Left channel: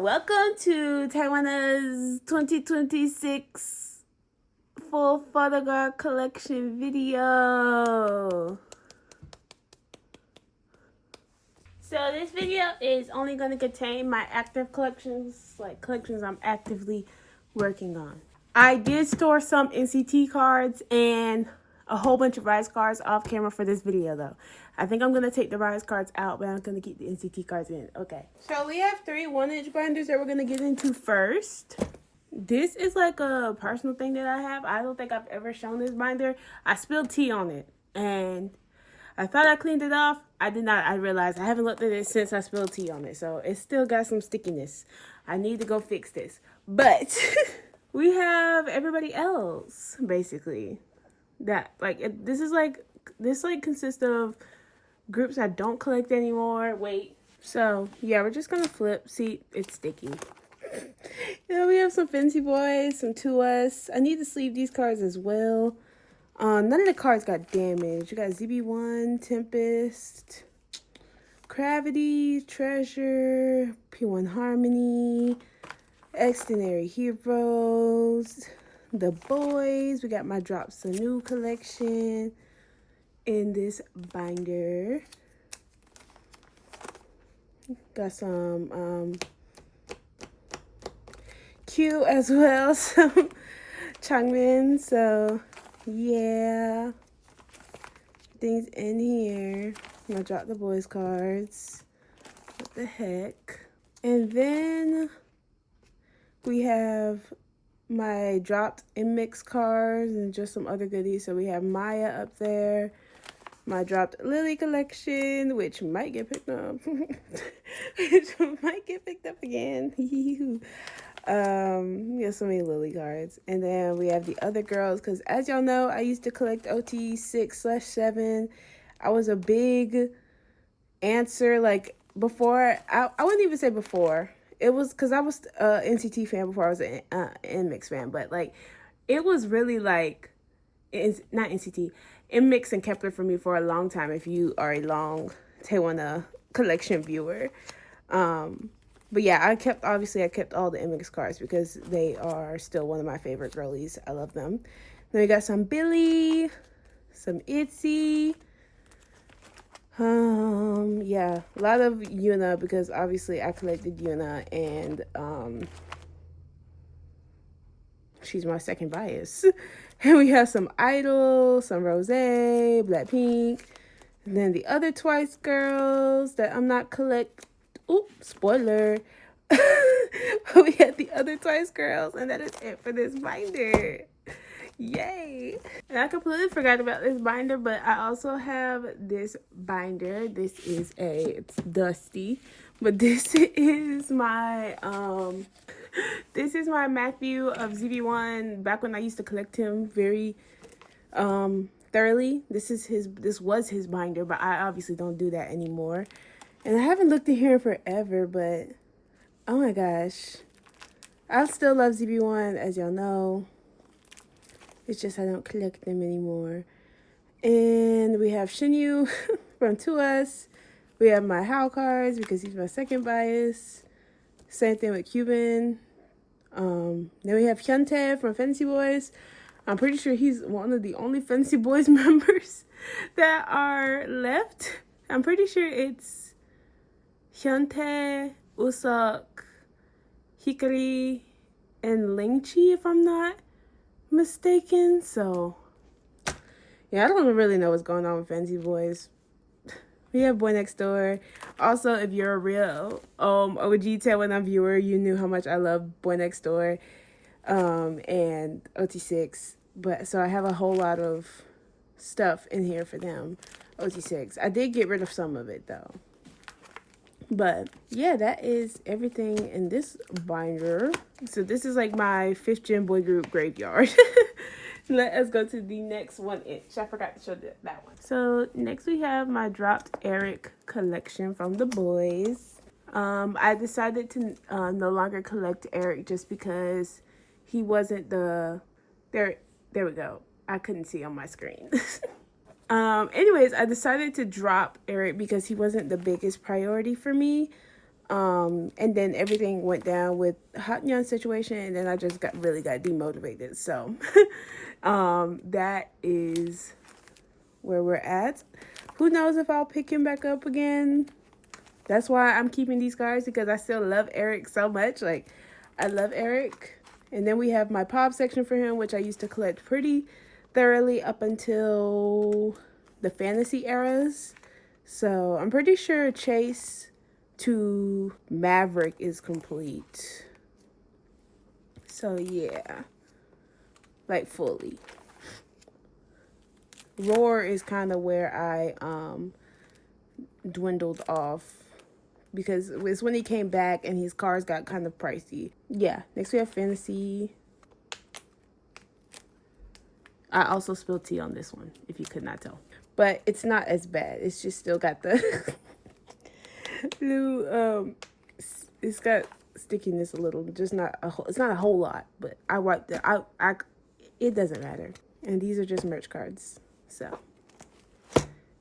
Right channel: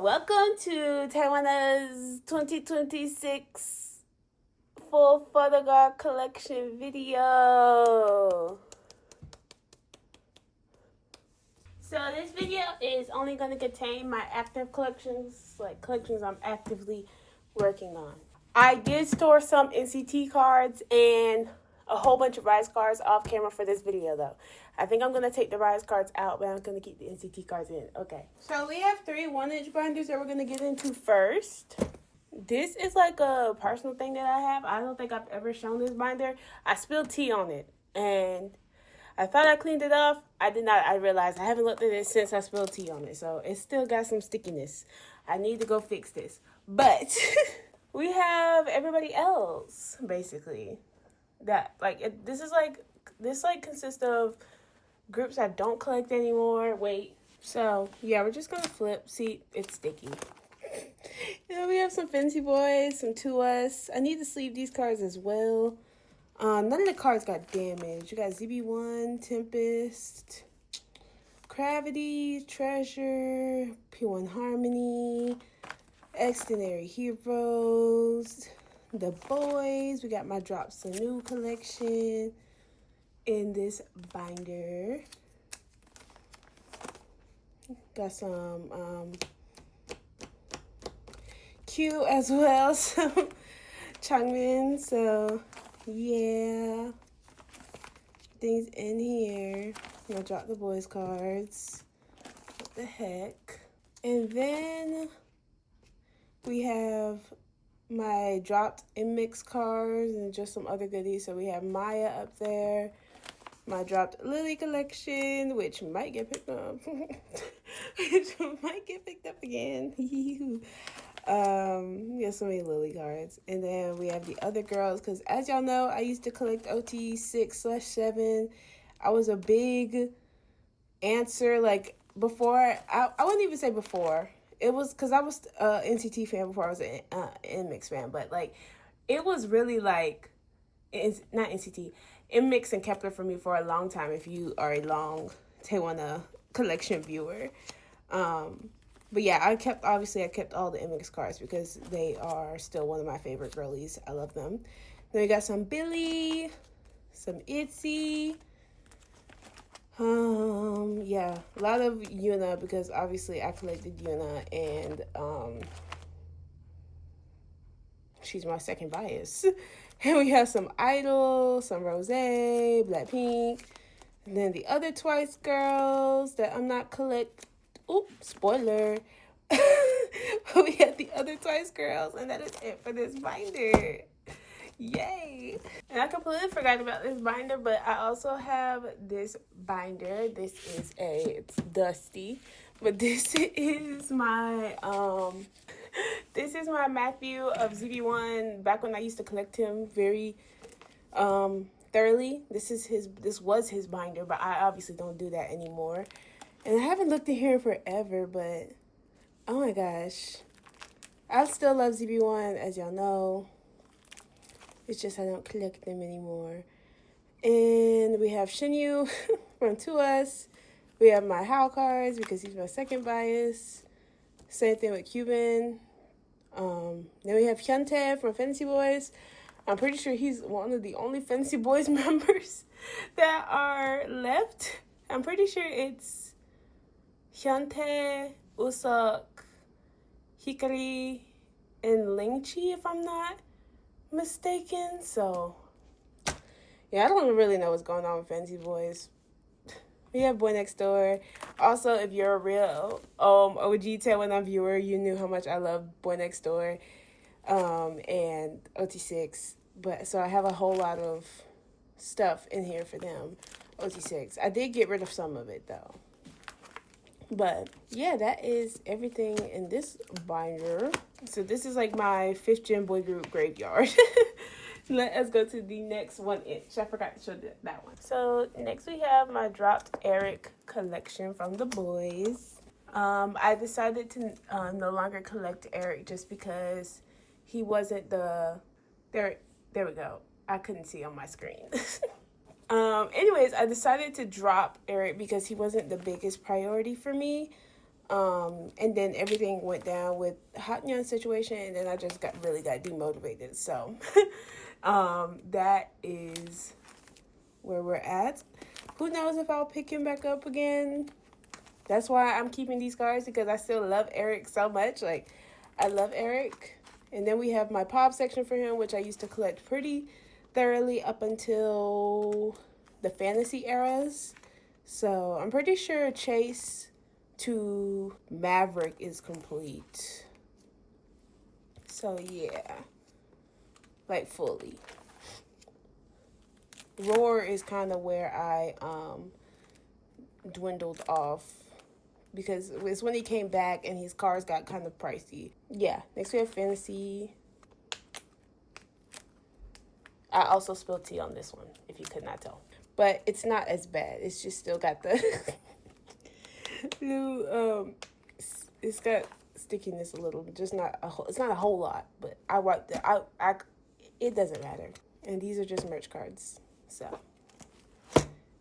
Welcome to kpop1er's 2026 full photocard collection video. So this video is only going to contain my active collections, like collections I'm actively working on. I did store some NCT cards and a whole bunch of riize cards off camera for this video though. I think I'm going to take the riize cards out, but I'm going to keep the NCT cards in. Okay. So we have 3 1-inch binders that we're going to get into first. This is like a personal thing that I have. I don't think I've ever shown this binder. I spilled tea on it and I thought I cleaned it off. I did not. I realized I haven't looked at it since I spilled tea on it. So it still got some stickiness. I need to go fix this. But we have everybody else basically. That this consists of groups I don't collect anymore. Wait. So yeah, we're just gonna flip. See, it's sticky. Yeah, we have some Fancy Boys, some To Us. I need to sleeve these cards as well. None of the cards got damaged. You got ZB1, Tempest, Cravity, Treasure, P1 Harmony, Extraordinary Heroes, The Boys. We got my Drops a New collection in this binder. Got some Q as well, some Changmin. So yeah, things in here. I'm gonna drop the Boys cards. What the heck? And then we have my dropped mix cards and just some other goodies. So we have Maya up there, my dropped Lily collection, which might get picked up. Again. We have so many Lily cards. And then we have the other girls, because as y'all know, I used to collect OT 6/7. I was a big Answer, like before, I wouldn't even say before. It was because I was an NCT fan before I was an NMIX fan, but like it was really like, it's not NCT, NMIX and kep1er for me for a long time if you are a long kpop1er collection viewer. But yeah, I kept all the NMIX cards because they are still one of my favorite girlies. I love them. Then we got some billlie, some itzy. Yeah, a lot of Yuna because obviously I collected Yuna and she's my second bias. And we have some Idol, some Rose, Blackpink, and then the other Twice girls that I'm not Oops, spoiler. We had the other Twice girls, and that is it for this binder. Yay! And I completely forgot about this binder, but I also have this binder. It's dusty, but this is my Matthew of ZB1 back when I used to collect him very thoroughly. This was his binder, but I obviously don't do that anymore. And I haven't looked in here forever, but oh my gosh, I still love ZB1, as y'all know. It's just I don't collect them anymore. And we have Jiyu from To Us. We have my How cards because he's my second bias. Same thing with Cuban. Then we have Hyuntae from Fancy Boys. I'm pretty sure he's one of the only Fancy Boys members that are left. I'm pretty sure it's Hyuntae, Usuk, Hikari, and Lingchi, if I'm not mistaken. So yeah, I don't really know what's going on with Fancy Boys. We have Boy Next Door. Also, if you're a real OG kpop1er viewer, you knew how much I love Boy Next Door and OT6. But so I have a whole lot of stuff in here for them. OT6. I did get rid of some of it though. But yeah, that is everything in this binder. So this is like my 5th gen boy group graveyard. Let us go to the next 1-inch. I forgot to show that one. So next we have my dropped Eric collection from the boys. I decided to no longer collect Eric just because he wasn't there we go. I couldn't see on my screen. Anyways, I decided to drop Eric because he wasn't the biggest priority for me. And then everything went down with Hotnyan situation, and then I just really got demotivated. So that is where we're at. Who knows if I'll pick him back up again. That's why I'm keeping these cards, because I still love Eric so much. Like, I love Eric. And then we have my pop section for him, which I used to collect pretty thoroughly up until the fantasy eras. So I'm pretty sure Chase to Maverick is complete. So yeah, like fully. Roar is kind of where I dwindled off, because it's when he came back and his cards got kind of pricey. Yeah, next we have fantasy. I also spilled tea on this one, if you could not tell. But it's not as bad. It's just still got the new, it's got stickiness a little, just not a whole, it's not a whole lot, but I wiped it. It doesn't matter. And these are just merch cards. So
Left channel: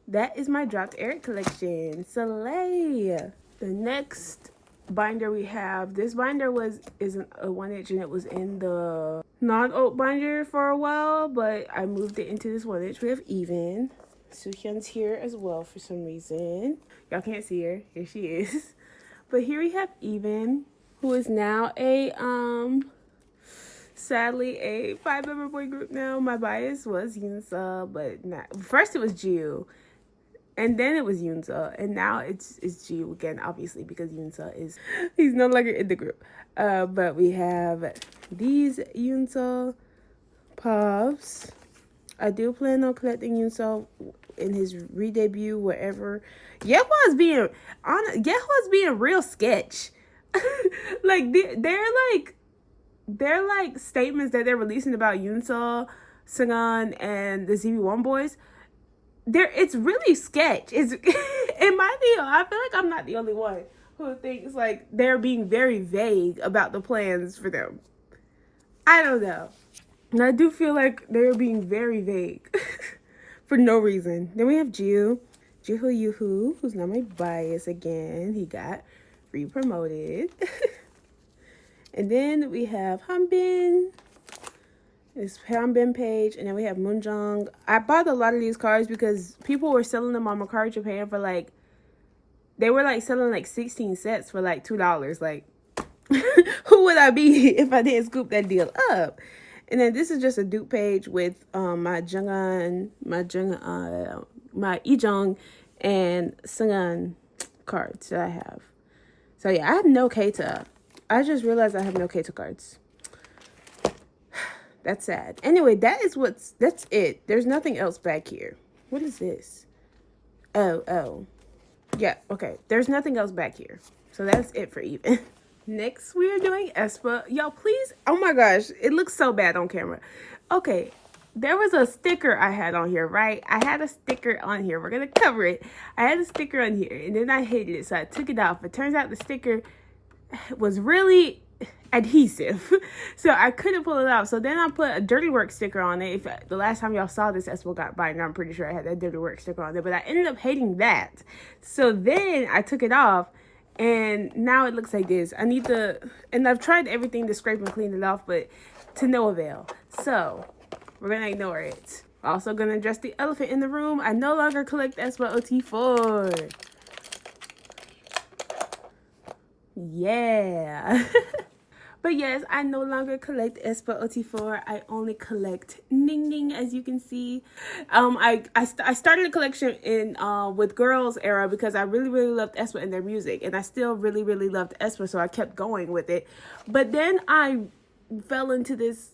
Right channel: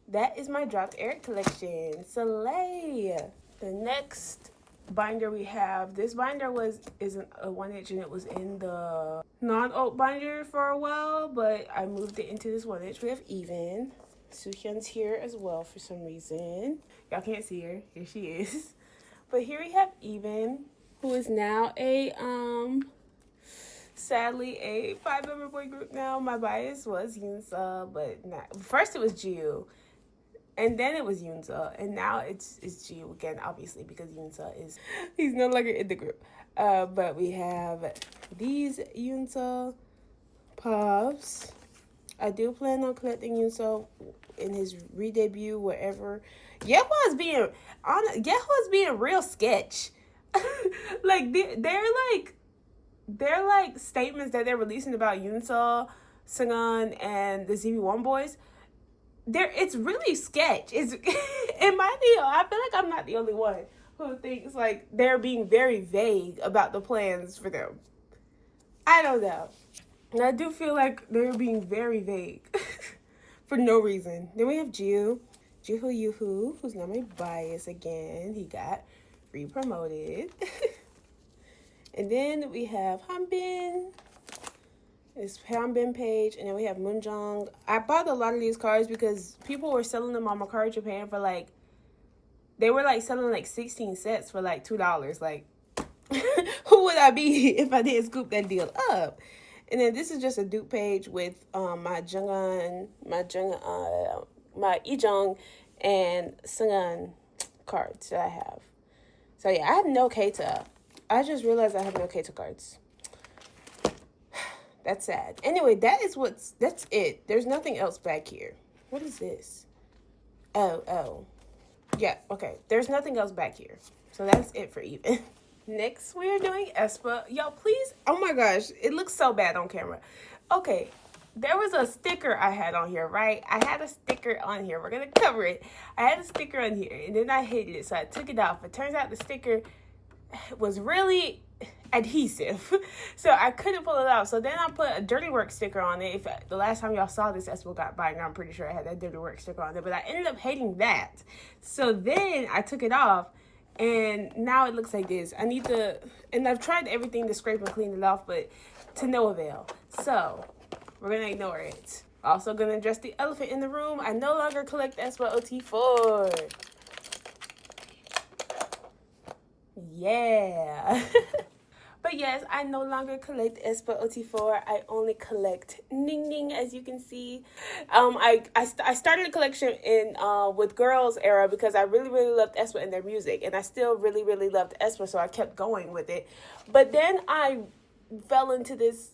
that is my dropped Eric collection. Soleil. The next binder we have, this binder is a 1-inch, and it was in the non-oat binder for a while, but I moved it into this 1-inch. We have Evnne. Suhyeon's here as well for some reason. Y'all can't see her. Here she is. But here we have Evnne, who is now a sadly a 5-member boy group now. My bias was Yoonsa, but not. First it was Jiyu, and then it was Yoonsa, and now it's Jiyu again, obviously, because he's no longer in the group. But we have these Yoonsa puffs. I do plan on collecting Yoonsa in his re-debut, wherever. Yeohwa's being real sketch. Like they're like statements that they're releasing about Yoonsa, Seunghan, and the ZB1 boys. It's really sketch. It's in my deal. I feel like I'm not the only one who thinks like they're being very vague about the plans for them. I don't know. And I do feel like they're being very vague for no reason. Then we have Jiyu Yuhu, who's not my bias again. He got re-promoted. And then we have Hanbin. This Hanbin page. And then we have Moonjung. I bought a lot of these cards because people were selling them on Mercari Japan for like, they were like selling like 16 sets for like $2. Like, who would I be if I didn't scoop that deal up? And then this is just a dupe page with my Ijong and Seunghan cards that I have. So yeah, I have no Keita. I just realized I have no Keita cards. That's sad. Anyway, that's it. There's nothing else back here. What is this? Oh. Yeah, okay. There's nothing else back here. So that's it for Evnne. Next, we are doing aespa. Y'all, please. Oh my gosh, it looks so bad on camera. Okay, there was a sticker I had on here, right? I had a sticker on here. We're going to cover it. I had a sticker on here, and then I hid it, so I took it off. It turns out the sticker was really adhesive, so I couldn't pull it off. So then I put a Dirty Work sticker on it. If the last time y'all saw this aespa got binder, I'm pretty sure I had that Dirty Work sticker on there, but I ended up hating that. So then I took it off, and now it looks like this. And I've tried everything to scrape and clean it off, but to no avail. So we're gonna ignore it. Also gonna address the elephant in the room. I no longer collect aespa OT4. Yeah. But yes, I no longer collect aespa OT4. I only collect ningning, as you can see. I started a collection in with girls era because I really loved aespa and their music, and I still really loved aespa, so I kept going with it. But then I fell into this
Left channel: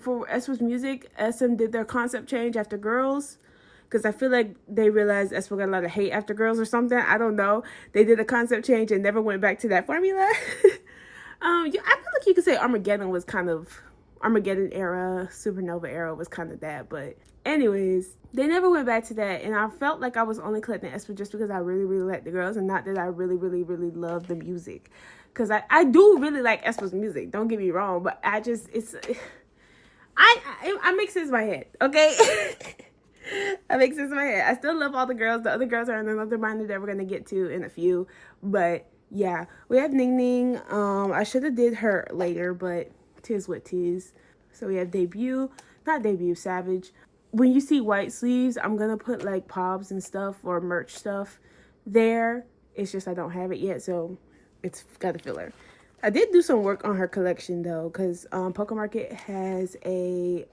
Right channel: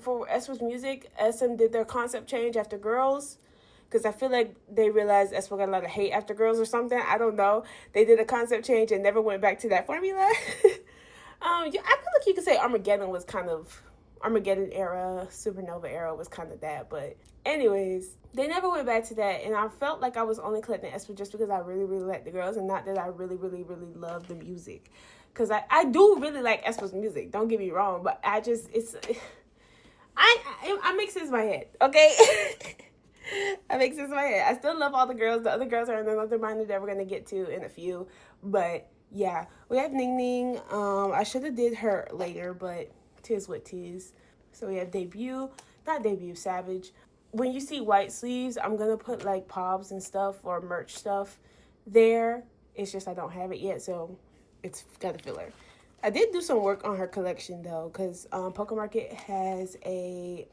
for aespa's music. SM did their concept change after girls, because I feel like they realized aespa got a lot of hate after girls or something. I don't know. They did a concept change and never went back to that formula. I feel like you could say Armageddon was kind of Armageddon era, Supernova era was kind of that. But anyways, they never went back to that, and I felt like I was only collecting aespa just because I really liked the girls, and not that I really love the music. Because I do really like aespa's music. Don't get me wrong, but I make sense in my head, okay? I make sense in my head. I still love all the girls. The other girls are in another binder that we're gonna get to in a few, but yeah, we have Ningning. I should have did her later, but tis what tis. So we have debut, not debut, savage. When you see white sleeves, I'm gonna put like pobs and stuff or merch stuff there. It's just I don't have it yet, so it's got a filler. I did do some work on her collection though, because Poke Market has a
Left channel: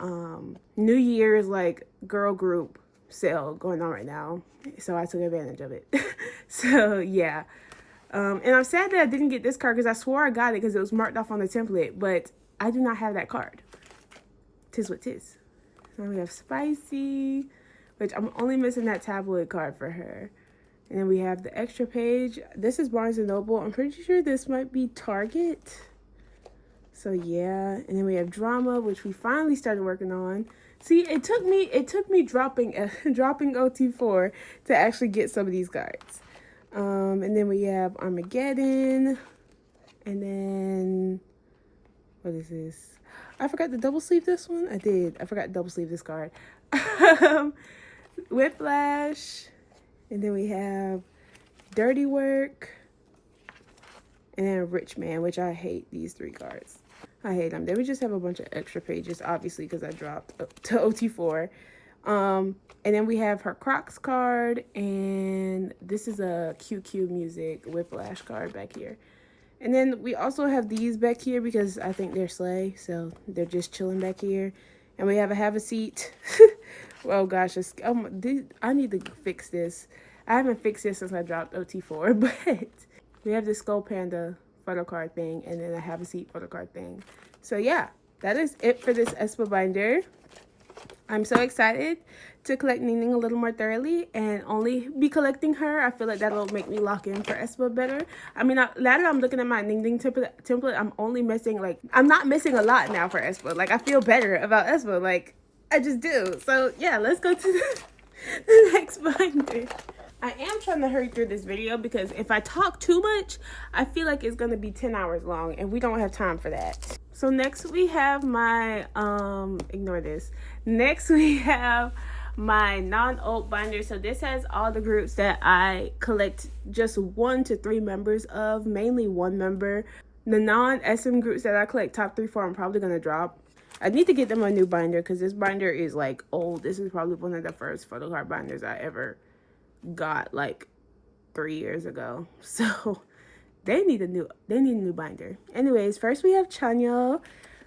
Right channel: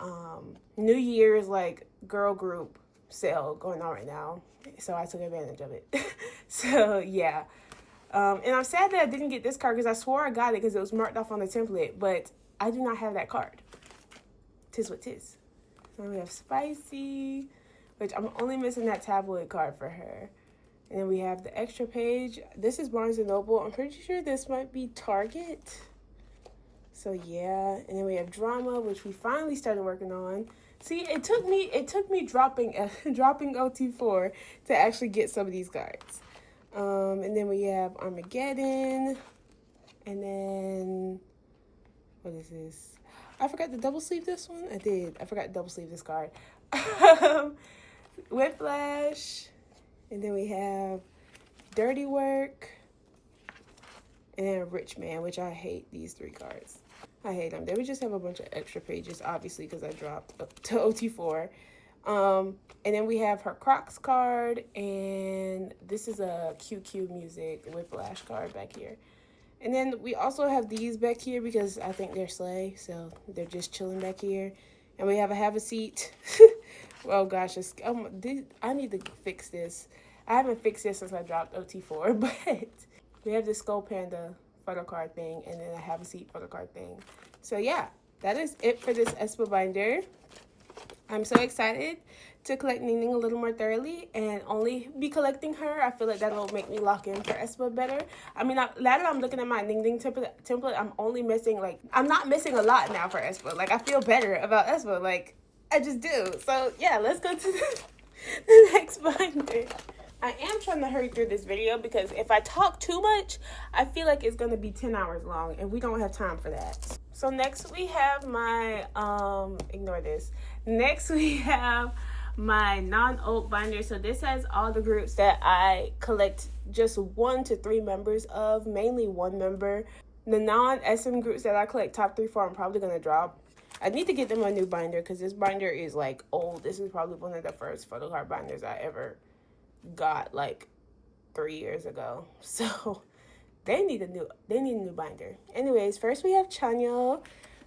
New Year's like girl group sale going on right now, so I took advantage of it. So yeah, and I'm sad that I didn't get this card because I swore I got it because it was marked off on the template, but I do not have that card. Tis what tis. So we have Spicy, which I'm only missing that tabloid card for her. And then we have the extra page. This is Barnes & Noble. I'm pretty sure this might be Target. So yeah, and then we have Drama, which we finally started working on. See, it took me dropping OT4 to actually get some of these cards. And then we have Armageddon. And then, what is this? I forgot to double sleeve this one. I did. I forgot to double sleeve this card. Whiplash. And then we have Dirty Work. And then Rich Man, which I hate these 3 cards. I hate them. Then we just have a bunch of extra pages, obviously, because I dropped to OT4. And then we have her Crocs card. And this is a QQ Music Whiplash card back here. And then we also have these back here because I think they're slay. So they're just chilling back here. And we have a seat. Oh gosh, I need to fix this. I haven't fixed this since I dropped OT4, but we have this Skull Panda photocard thing and then a have a seat photocard thing. So yeah, that is it for this aespa binder. I'm so excited to collect Ningning a little more thoroughly and only be collecting her. I feel like that'll make me lock in for aespa better. I mean, now that I'm looking at my Ningning template, I'm only missing, like, I'm not missing a lot now for aespa. Like, I feel better about aespa. Like, I just do. So, yeah, let's go to the next binder. I am trying to hurry through this video because if I talk too much, I feel like it's going to be 10 hours long, and we don't have time for that. So next we have my, ignore this. Next we have my non-oat binder. So this has all the groups that I collect just 1 to 3 members of, mainly 1 member. The non-SM groups that I collect top 3 for, I'm probably going to drop. I need to get them a new binder because this binder is like old. This is probably one of the first photocard binders I ever got, like 3 years ago. So they need a new binder. Anyways, first we have Chanyeol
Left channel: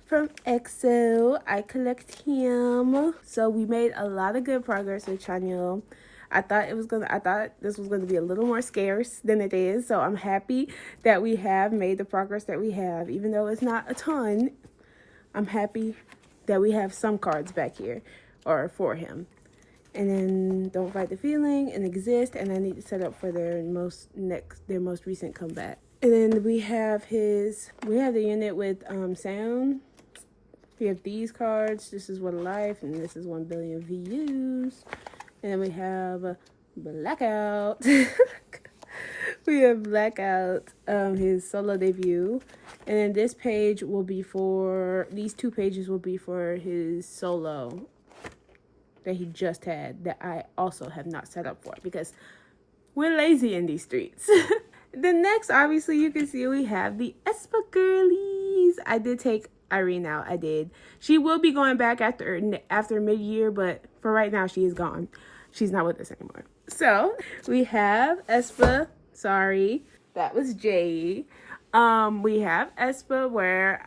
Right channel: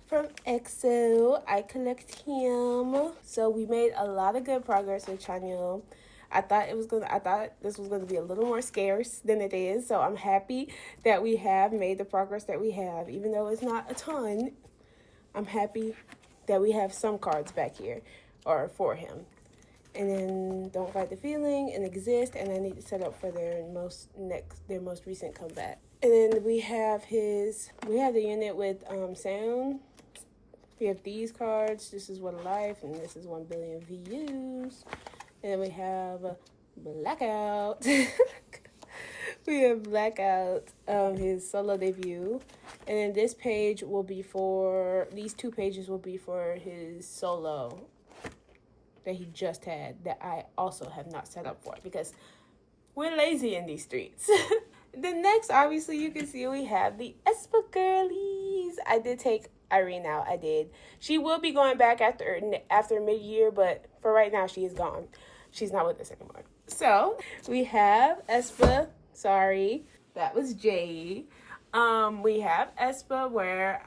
from EXO. I collect him. So we made a lot of good progress with Chanyeol. I thought this was gonna be a little more scarce than it is. So I'm happy that we have made the progress that we have, even though it's not a ton. I'm happy that we have some cards back here, or for him. And then Don't Fight the Feeling and Exist, and I need to set up for their most recent comeback. And then we have the unit with sound. We have these cards. This is What a Life, and this is 1 billion views. And then we have Blackout. We have Blackout, his solo debut. And then this page will be these 2 pages will be for his solo that he just had, that I also have not set up for because we're lazy in these streets. Then next, obviously, you can see we have the aespa girlies. I did take Irene out. I did. She will be going back after mid-year, but for right now, she is gone. She's not with us anymore. So we have aespa. Sorry, that was jaehee. We have aespa, where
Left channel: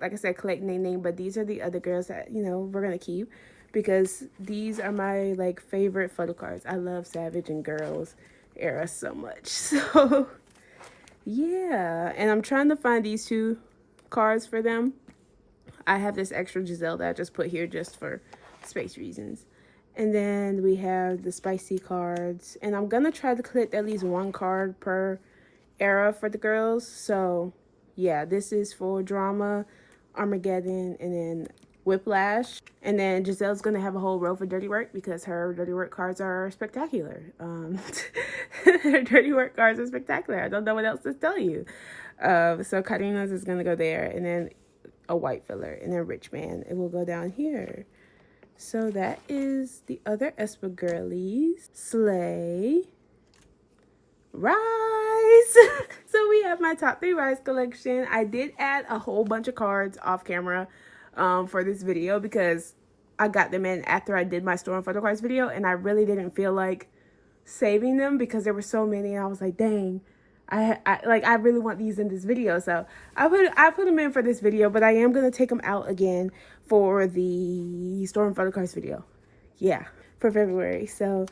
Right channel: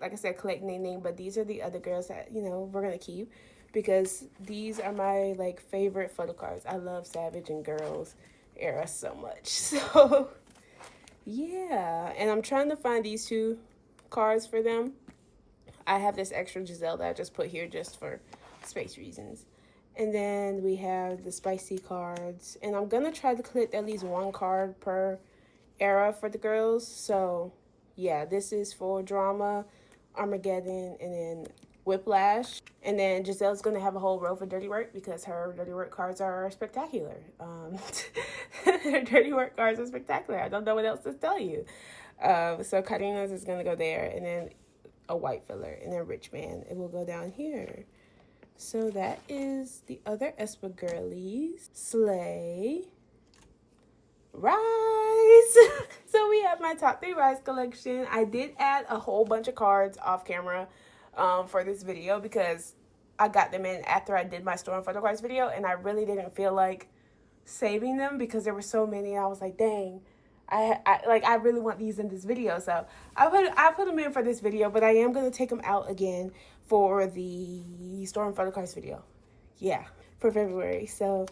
like I said, collect Ningning, but these are the other girls that, we're gonna keep because these are my like favorite photo cards. I love Savage and Girls era so much. So yeah, and I'm trying to find these 2 cards for them. I have this extra Giselle that I just put here just for space reasons. And then we have the Spicy cards, and I'm gonna try to collect at least 1 card per era for the girls. So yeah, this is for Drama, Armageddon, and then Whiplash. And then Giselle's gonna have a whole row for Dirty Work because her Dirty Work cards are spectacular. Her Dirty Work cards are spectacular. I don't know what else to tell you. So Karina's is gonna go there, and then a white filler, and then Rich Man. It will go down here. So that is the other aespa girlies. Slay. Riize. So we my top 3 riize collection. I did add a whole bunch of cards off camera for this video because I got them in after I did my store and photocards video, and I really didn't feel like saving them because there were so many. I was like, dang, I really want these in this video, so I put them in for this video, but I am gonna take them out again for the store and photocards video. Yeah, for February. So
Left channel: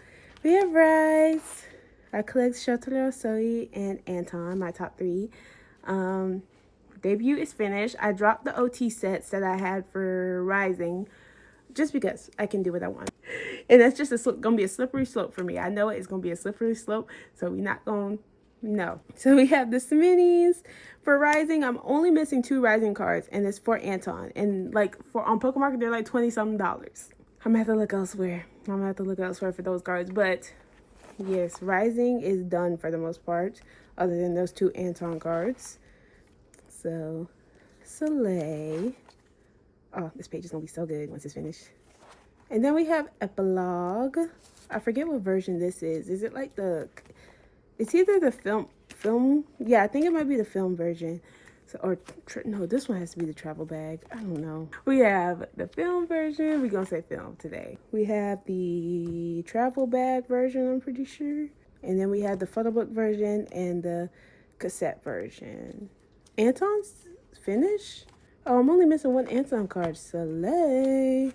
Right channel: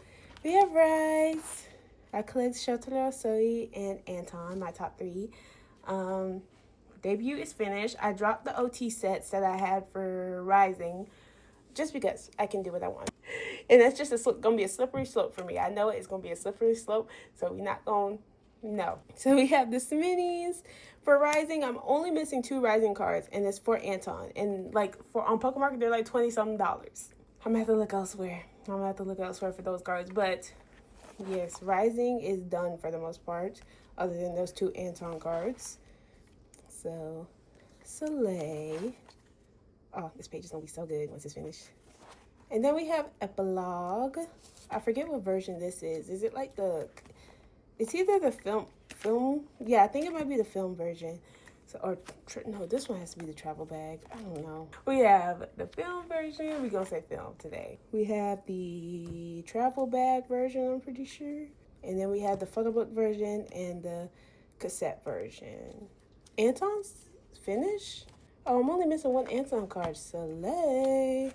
we have riize. I collect shotaro, sohee, and anton, my top 3. Debut is finished. I dropped the OT sets that I had for rising just because I can do what I want. And that's just gonna be a slippery slope for me. I know it's gonna be a slippery slope, so we're not gonna, no. So we have the minis. For rising, I'm only missing 2 rising cards, and it's for Anton. And like on Pokemarket, they're like $20-something. I'm gonna have to look elsewhere. For those cards. But yes, rising is done for the most part, other than those 2 Anton cards. So, Soleil. Oh, this page is gonna be so good once it's finished. And then we have epilogue. I forget what version this is. Is it like the? It's either the film. Yeah, I think it might be the film version. So, or no, this one has to be the travel bag. I don't know. We have the film version. We're gonna say film today. We have the travel bag version, I'm pretty sure. And then we have the photo book version and the cassette version. Anton's finished? Oh, I'm only missing 1 Anton card. Soleil.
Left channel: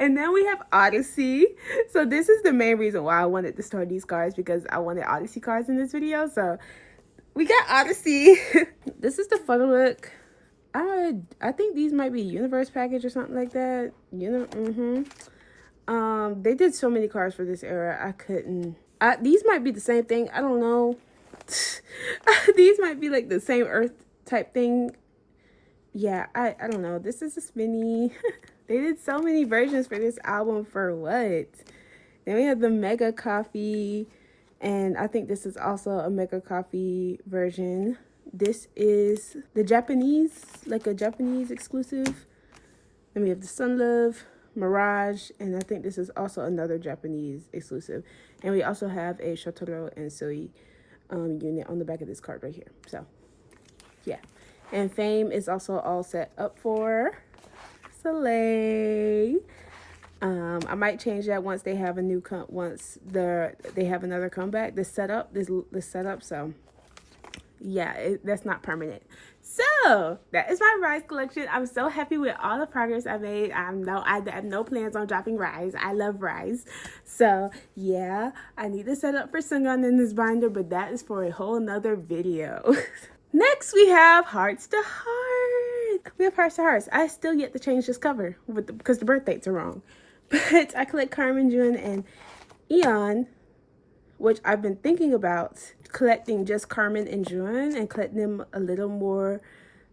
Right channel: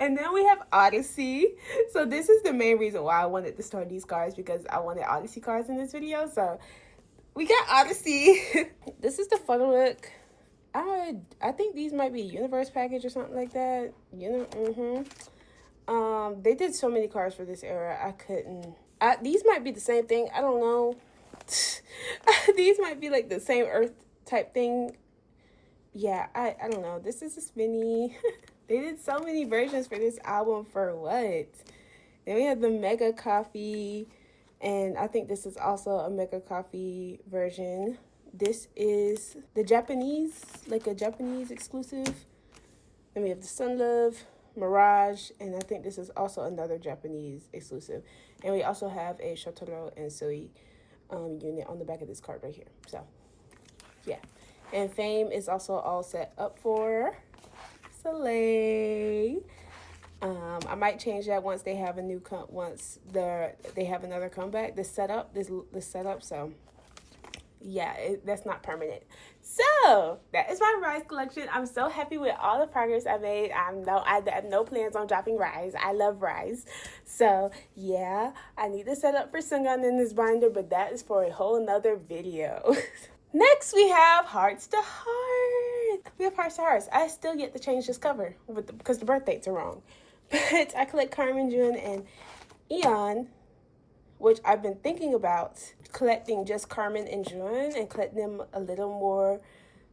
And then we have Odyssey. So this is the main reason why I wanted to store these cards, because I wanted Odyssey cards in this video. So we got Odyssey. This is the photo book. I think these might be universe package or something like that. You know, they did so many cards for this era. I couldn't. These might be the same thing. I don't know. These might be like the same Earth type thing. Yeah, I don't know. This is a mini. They did so many versions for this album for what? Then we have the Mega Coffee, and I think this is also a Mega Coffee version. This is the Japanese, like a Japanese exclusive. Then we have the Sunlove, Mirage, and I think this is also another Japanese exclusive. And we also have a Shotaro and Sohee unit on the back of this card right here. So, yeah. And Fame is also all set up for Soleil. I might change that once they have a new they have another comeback. This setup. So yeah, that's not permanent. So that is my riize collection. I'm so happy with all the progress I made. I have no plans on dropping riize. I love riize. So yeah, I need to set up for suhyeon in this binder, but that is for a whole nother video. Next we have Hearts to Heart. We have Hearts to Hearts. I still yet to change this cover because the birth dates are wrong. But I collect Carmen, Juun, and evnne, which I've been thinking about collecting just Carmen and Juun and collecting them a little more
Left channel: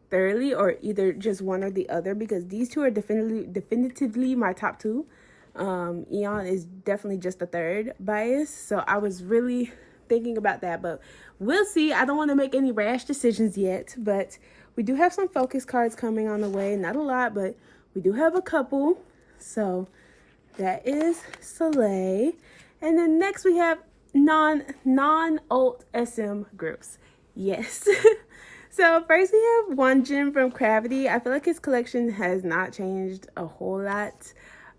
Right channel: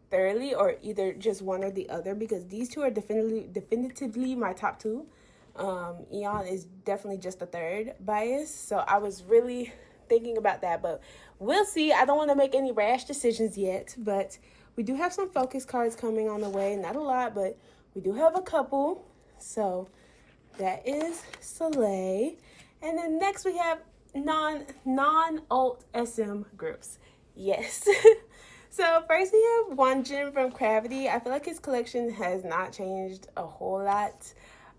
thoroughly, or either just one or the other, because these 2 are definitively my top 2. evnne is definitely just the 3rd bias, so I was really thinking about that, but we'll see. I don't want to make any rash decisions yet, but we do have some focus cards coming on the way. Not a lot, but we do have a couple. So that is Soleil. And then next we have non-alt SM groups. Yes. So first we have Wonjin from Cravity. I feel like his collection has not changed a whole lot.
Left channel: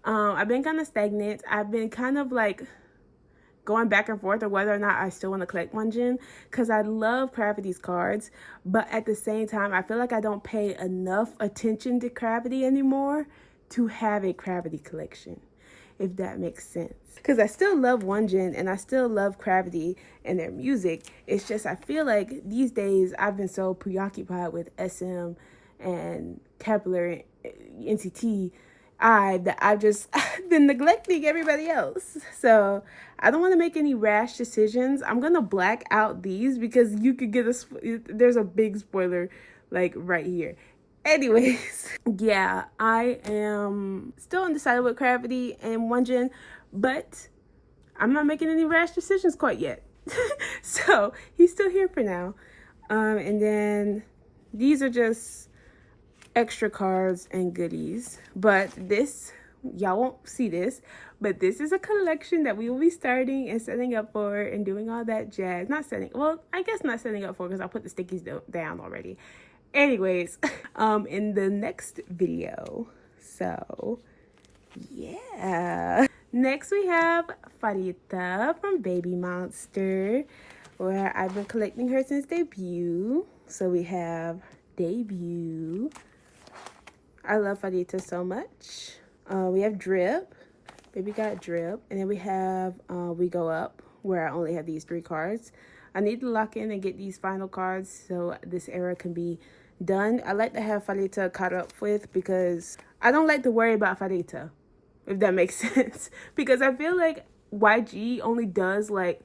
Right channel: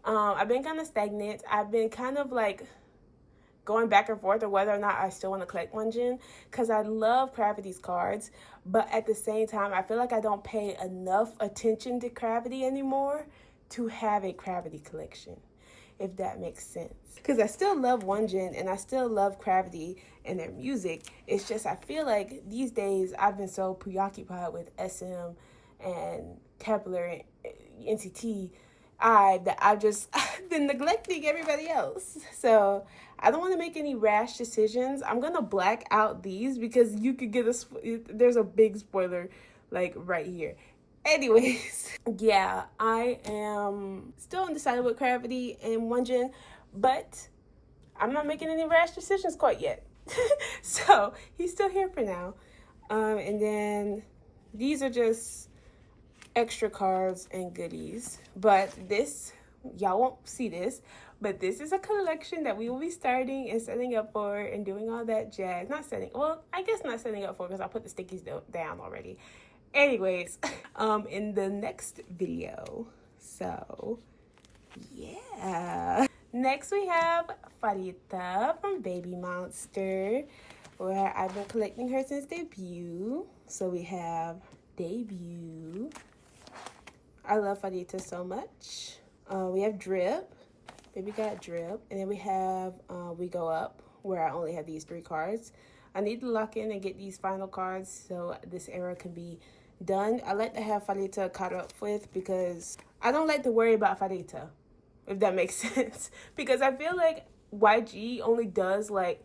I've been kind of stagnant. I've been kind of like going back and forth of whether or not I still want to collect wonjin, because I love Cravity's cards, but at the same time I feel like I don't pay enough attention to Cravity anymore to have a Cravity collection, if that makes sense. Because I still love wonjin and I still love Cravity and their music. It's just I feel like these days I've been so preoccupied with SM and kep1er, NCT that I've just been neglecting everybody else. So I don't want to make any rash decisions. I'm gonna black out these because you could get there's a big spoiler like right here. Anyways, yeah, I am still undecided with Cravity and wonjin, but I'm not making any rash decisions quite yet. So he's still here for now. And then these are just extra cards and goodies, but this y'all won't see this, but this is a collection that we will be starting and setting up for and doing all that jazz. Not setting, well, I guess not setting up for, because I put the stickies down already. Anyways, in the next video. So yeah. Next we have Pharita from Babymonster, where I've been collecting her since debut. So we have debut. I love Pharita so much. We have drip. Baby got drip. And then we have we go up, where I only have these 3 cards. I need to lock in and get these final cards so this era can be done. I like to have Pharita caught up with, because I don't like to worry about Pharita, if that makes sense. Because I feel like YG only does like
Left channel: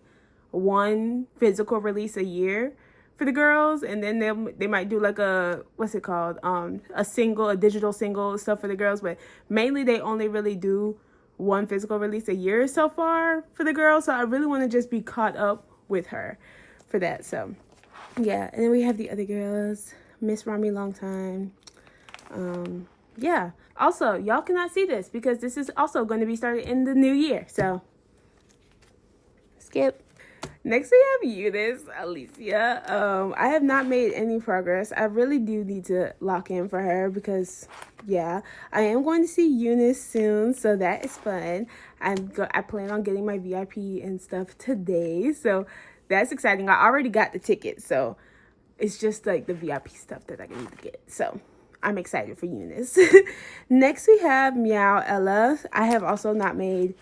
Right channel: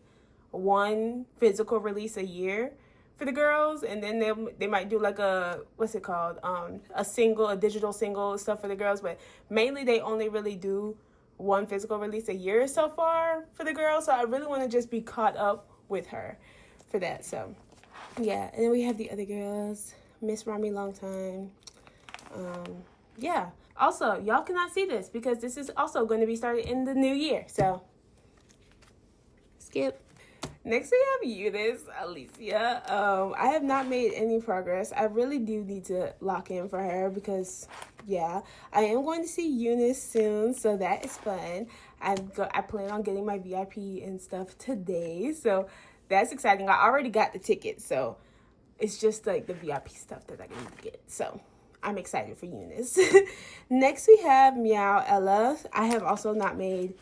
1 physical release a year for the girls, and then they might do like a, what's it called, a digital single stuff for the girls, but mainly they only really do 1 physical release a year so far for the girls. So I really want to just be caught up with her for that. So yeah. And then we have the other girls, Miss Rami long time. Yeah, also y'all cannot see this because this is also going to be started in the new year, so skip. Next we have Unis, Elisia. I have not made any progress. I really do need to lock in for her, because yeah, I am going to see Unis soon, so that is fun. I plan on getting my VIP and stuff today, so that's exciting. I already got the ticket, so it's just like the VIP stuff that I need to get. So I'm excited for Unis. Next we have Meow Ella. I have also not made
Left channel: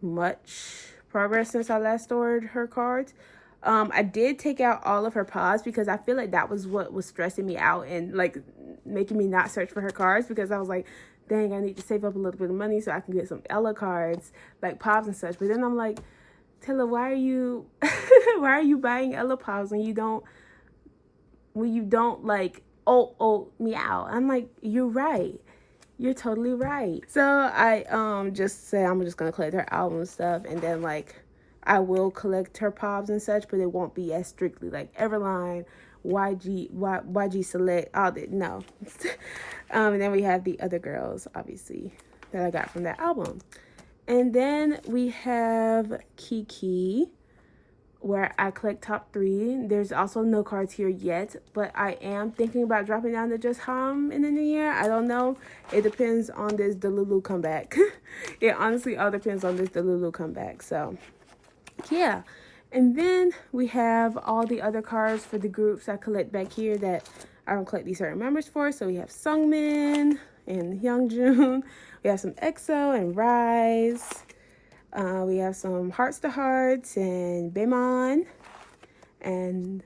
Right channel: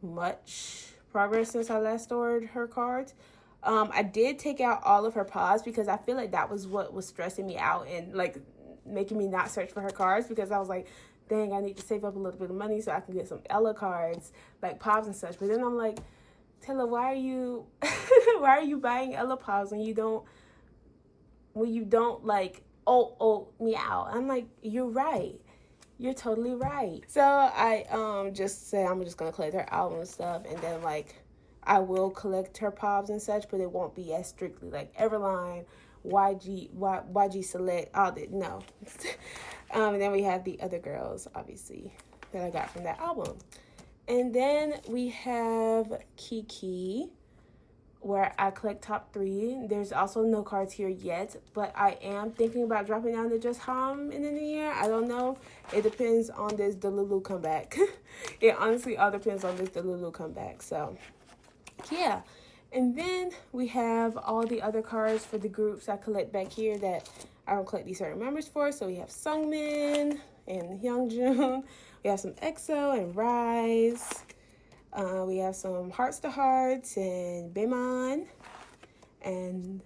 much progress since I last stored her cards. I did take out all of her paws, because I feel like that was what was stressing me out and like making me not search for her cards, because I was like, dang, I need to save up a little bit of money so I can get some Ella cards, like pops and such. But then I'm like, Tilla, why are you why are you buying Ella pops when you don't like meow? I'm like, you're right. You're totally right. So I just say I'm just gonna collect her album and stuff, and then like I will collect her pops and such, but it won't be as strictly like Everline, YG Select, all that. No. And then we have the other girls, obviously, that I got from that album. And then we have kiiikiii, where I collect top 3. There's also no cards here yet, but I am thinking about dropping down to just haum in the new year. I don't know. It depends on this Delulu comeback. It honestly all depends on this Delulu comeback. So yeah. And then we have all the other cards for the groups I collect back here that I don't collect these certain members for. So we have Sungmin and Hyungjun. We have some EXO and riize. We have some Hearts to Hearts and Baemon, and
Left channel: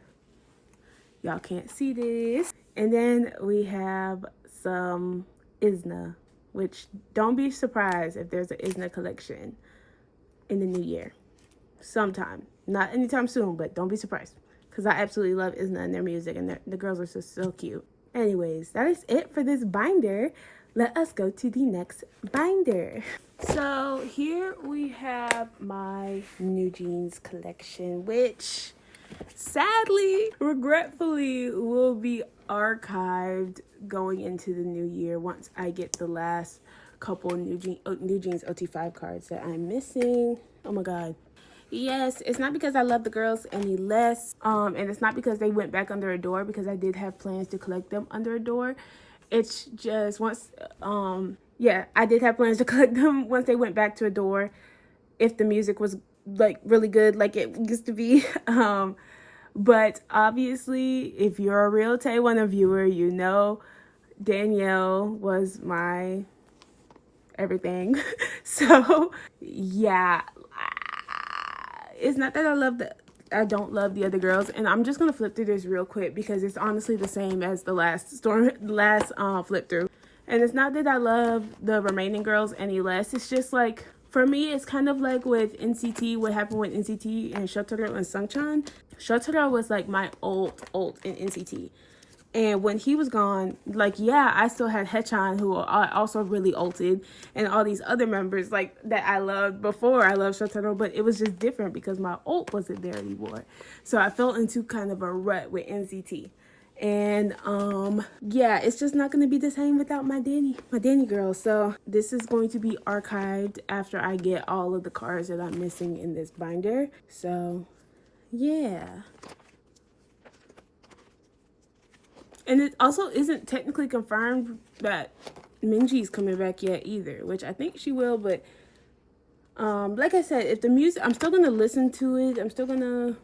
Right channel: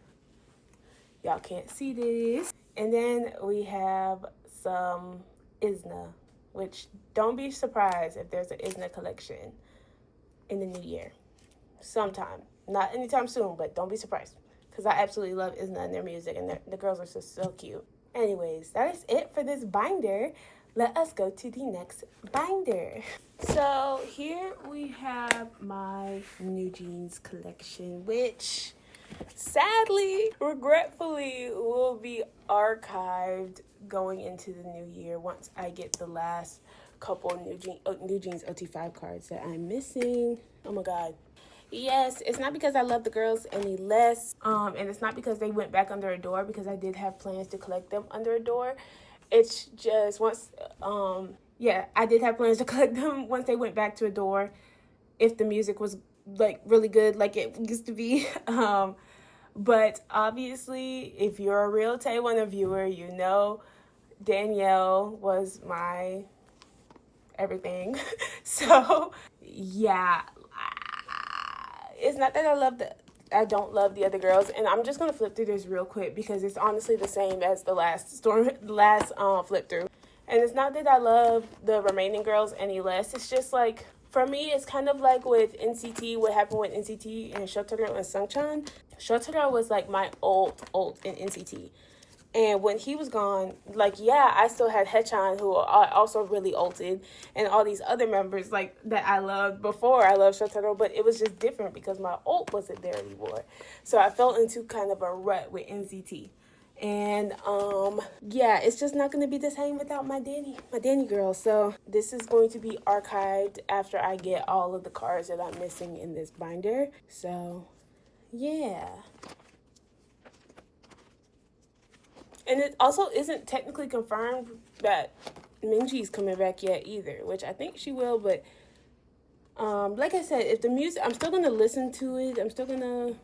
y'all can't see this. And then we have some evnne, which don't be surprised if there's an evnne collection in the new year sometime. Not anytime soon, but don't be surprised, because I absolutely love evnne and their music, and the girls are so cute. Anyways, that is it for this binder. Let us go to the next binder. So here we have my nwjns collection, which sadly, regretfully, will be archived going into the new year once I get the last couple nwjns OT5 cards that I'm missing. Oh my god. Yes, it's not because I love the girls any less, and it's not because they went back under a door, because I did have plans to collect them under a door. It's just once, yeah, I did have plans to collect them once they went back to a door, if the music was like really good like it used to be. But obviously, if you're a real kpop1er viewer, you know Danielle was my everything. So yeah, it's not that I don't love the other girls, and I'm just gonna flip through this real quick because it's honestly the same as the last flip through. And it's not that I love the remaining girls any less. It's just like, for me, it's kind of like with NCT, what happened with NCT and Shotaro and Sungchan. Shotaro was like my ult in NCT. And when he was gone, like, yeah, I still had Haechan, who I also really ulted, and all these other members, like, that I loved before I loved Shotaro, but it was just different because my ult wasn't there anymore. So I fell into kind of a rut with NCT. And yeah, it's just not going to be the same without my Danny girl. So this is going to be archived after I get all of the cards that I'm missing in this binder. So yeah. And it also isn't technically confirmed that Minji's coming back yet either, which I think she will. But like I said, if the music, I'm still gonna listen to it. I'm still gonna,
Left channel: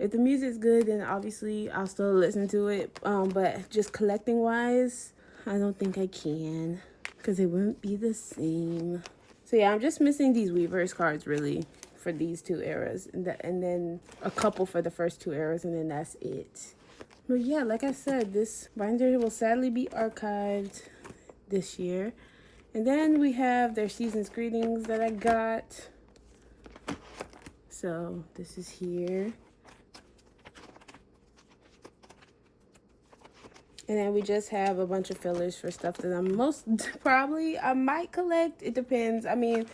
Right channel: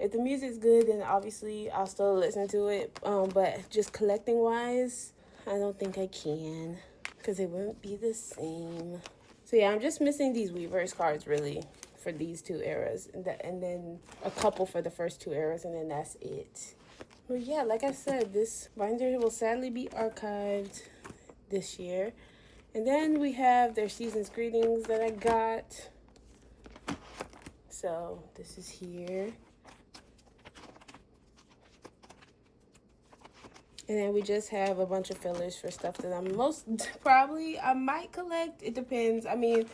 if the music's good, then obviously I'll still listen to it. But just collecting wise, I don't think I can, because it wouldn't be the same. So yeah, I'm just missing these Weverse cards really for these two eras, and then a couple for the first two eras, and then that's it. But yeah, like I said, this binder will sadly be archived this year. And then we have their season's greetings that I got. So this is here. And then we just have a bunch of fillers for stuff that I'm most probably, I might collect. It depends. I mean,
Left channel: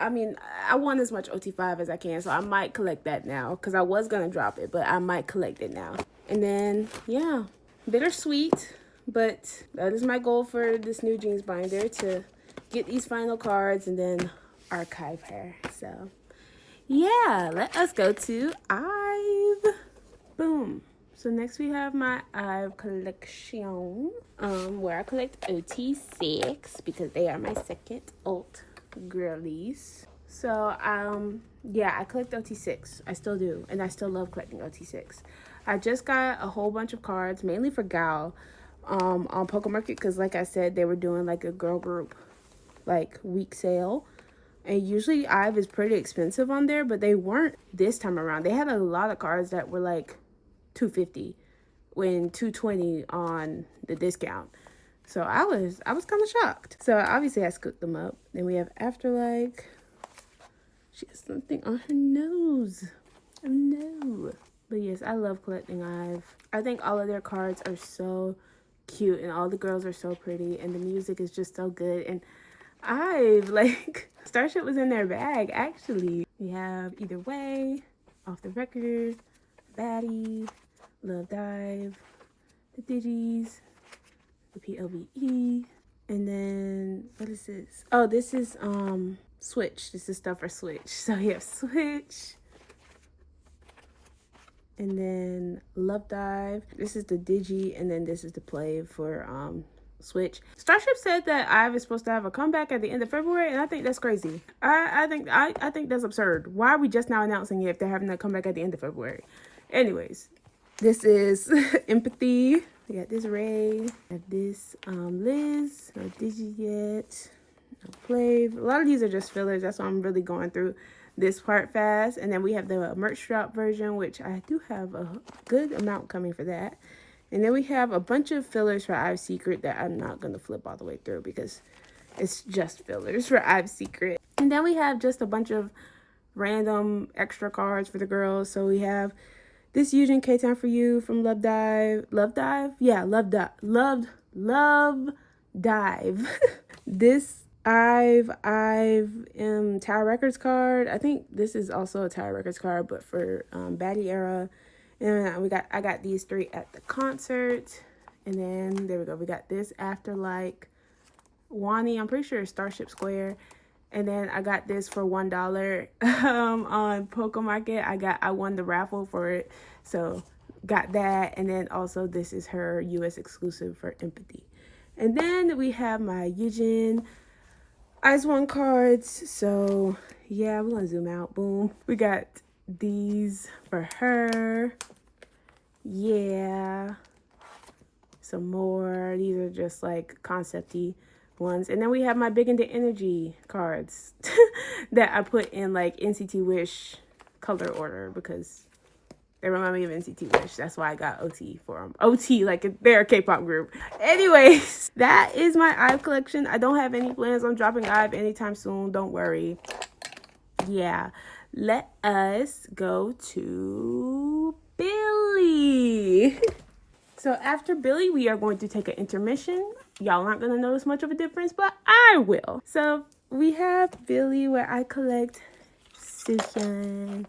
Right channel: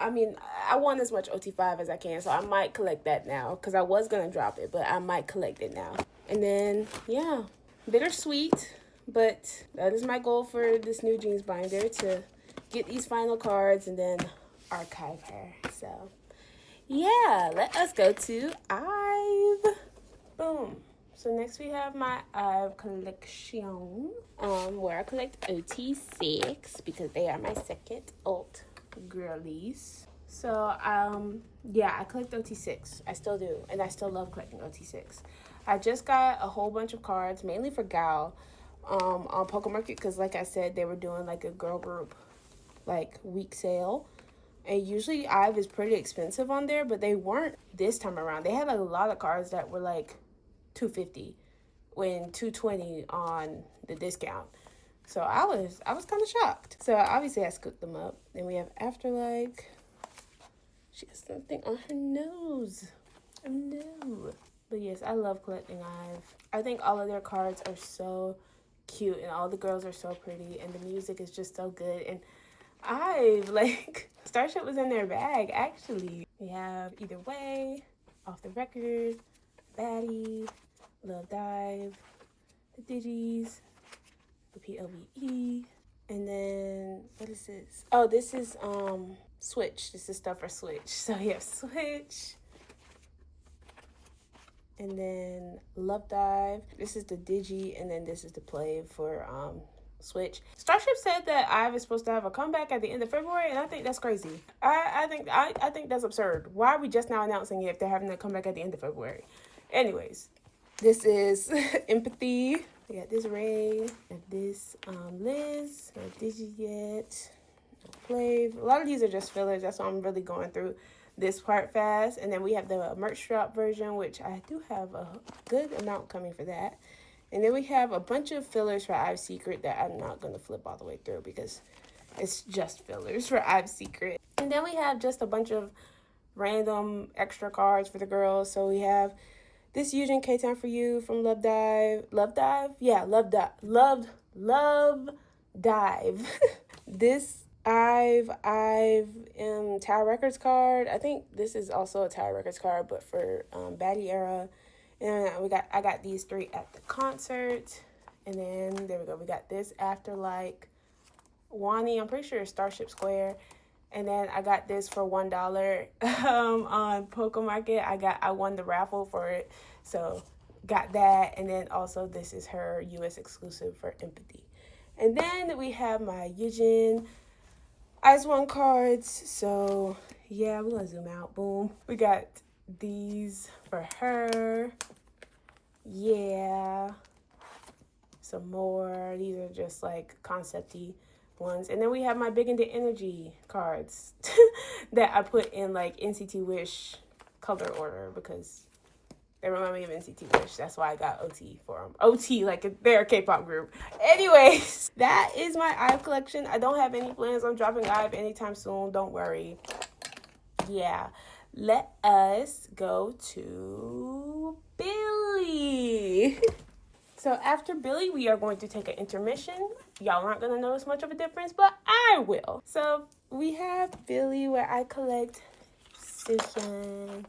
I want as much OT5 as I can, so I might collect that now, because I was going to drop it, but I might collect it now. And then, yeah, bittersweet, but that is my goal for this NewJeans binder, to get these final cards and then archive her. So, yeah, let us go to IVE. Boom. So next we have my IVE collection, where I collect OT6, because they are my second alt girlies. So yeah, I collect OT6. I still do, and I still love collecting OT6. I just got a whole bunch of cards, mainly for Gal, on PokeMarket, because like I said, they were doing like a girl group like week sale, and usually IVE is pretty expensive on there, but they weren't this time around. They had a lot of cards that were like $250 when $220 on the discount. So I was kind of shocked. So obviously I scooped them up. Then we have Afterlife. She has something on her nose. Oh no. But yes, I love collecting IVE. I think all of their cards are so cute, and all the girls are so pretty, and the music is just so good. And IVE, like, Starship was in their bag, actually. We have Either Way, Off the Record, Baddie, Love Dive, the Digis, the POVE, and then, what is this? Oh, this is Switch. This is stuff for Switch. So you have Switch, and then Love Dive. This is the Digi, and then this is the play for Switch. Starship said that IVE is supposed to have a comeback at the end of February, and I think that's crazy. I think that's absurd. Why are we just now announcing it if they're having a comeback at the end of February? Anyways, this is Empathy. We got this Ray, got this Liz, no Digi yet, no wayv. A lot of these are just fillers. That's why I'm really going through this part fast. And then we have the merch drop version, which I do have a good amount coming for that. And then we have a bunch of fillers for IVE Secret that I'm not going to flip all the way through, because it's just fillers for IVE Secret. And then we have just a bunch of random extra cards for the girls. So we have this Eugene K-Time for You from Love Dive. Love Dive? Yeah, Love Dive. This IVE Tower Records card. I think this is also a Tower Records card, but for Baddie era. And I got these three at the concert. And then there we go. We got this Afterlife Wani. I'm pretty sure it's Starship Square. And then I got this for $1 on PokeMarket. I won the raffle for it, so got that. And then also this is her US exclusive for Empathy. And then we have my Eugene Eyes One cards. So yeah, we're gonna zoom out. Boom. We got these for her. Yeah. Some more. These are just like concept-y ones. And then we have my Big Into Energy cards that I put in like NCT Wish color order, because they remind me of NCT Wish. That's why I got OT for them. OT, like they're a K-pop group. Anyways, that is my IVE collection. I don't have any plans on dropping IVE anytime soon. Don't worry. Yeah. Let us go to billlie. So after billlie, we are going to take an intermission. Y'all aren't going to notice much of a difference, but I will. So we have billlie, where I collect suhyeon.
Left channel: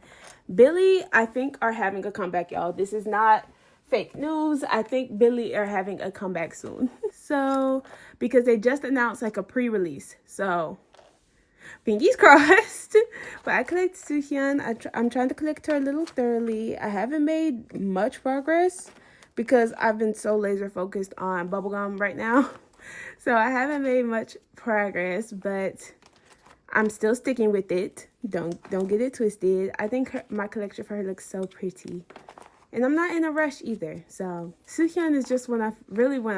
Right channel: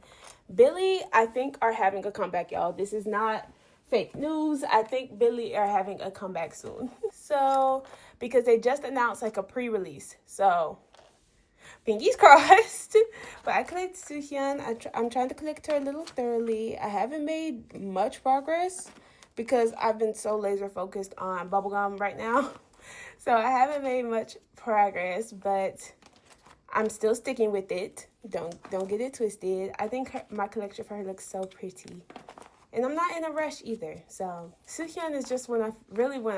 Billlie, I think, are having a comeback, y'all. This is not fake news. I think billlie are having a comeback soon. So, because they just announced like a pre-release. So, fingers crossed. But I collect Suhyeon. I'm trying to collect her a little thoroughly. I haven't made much progress because I've been so laser focused on bubblegum right now. So I haven't made much progress, but I'm still sticking with it. Don't get it twisted. I think my collection for her looks so pretty. And I'm not in a rush either. So Suhyeon is just when I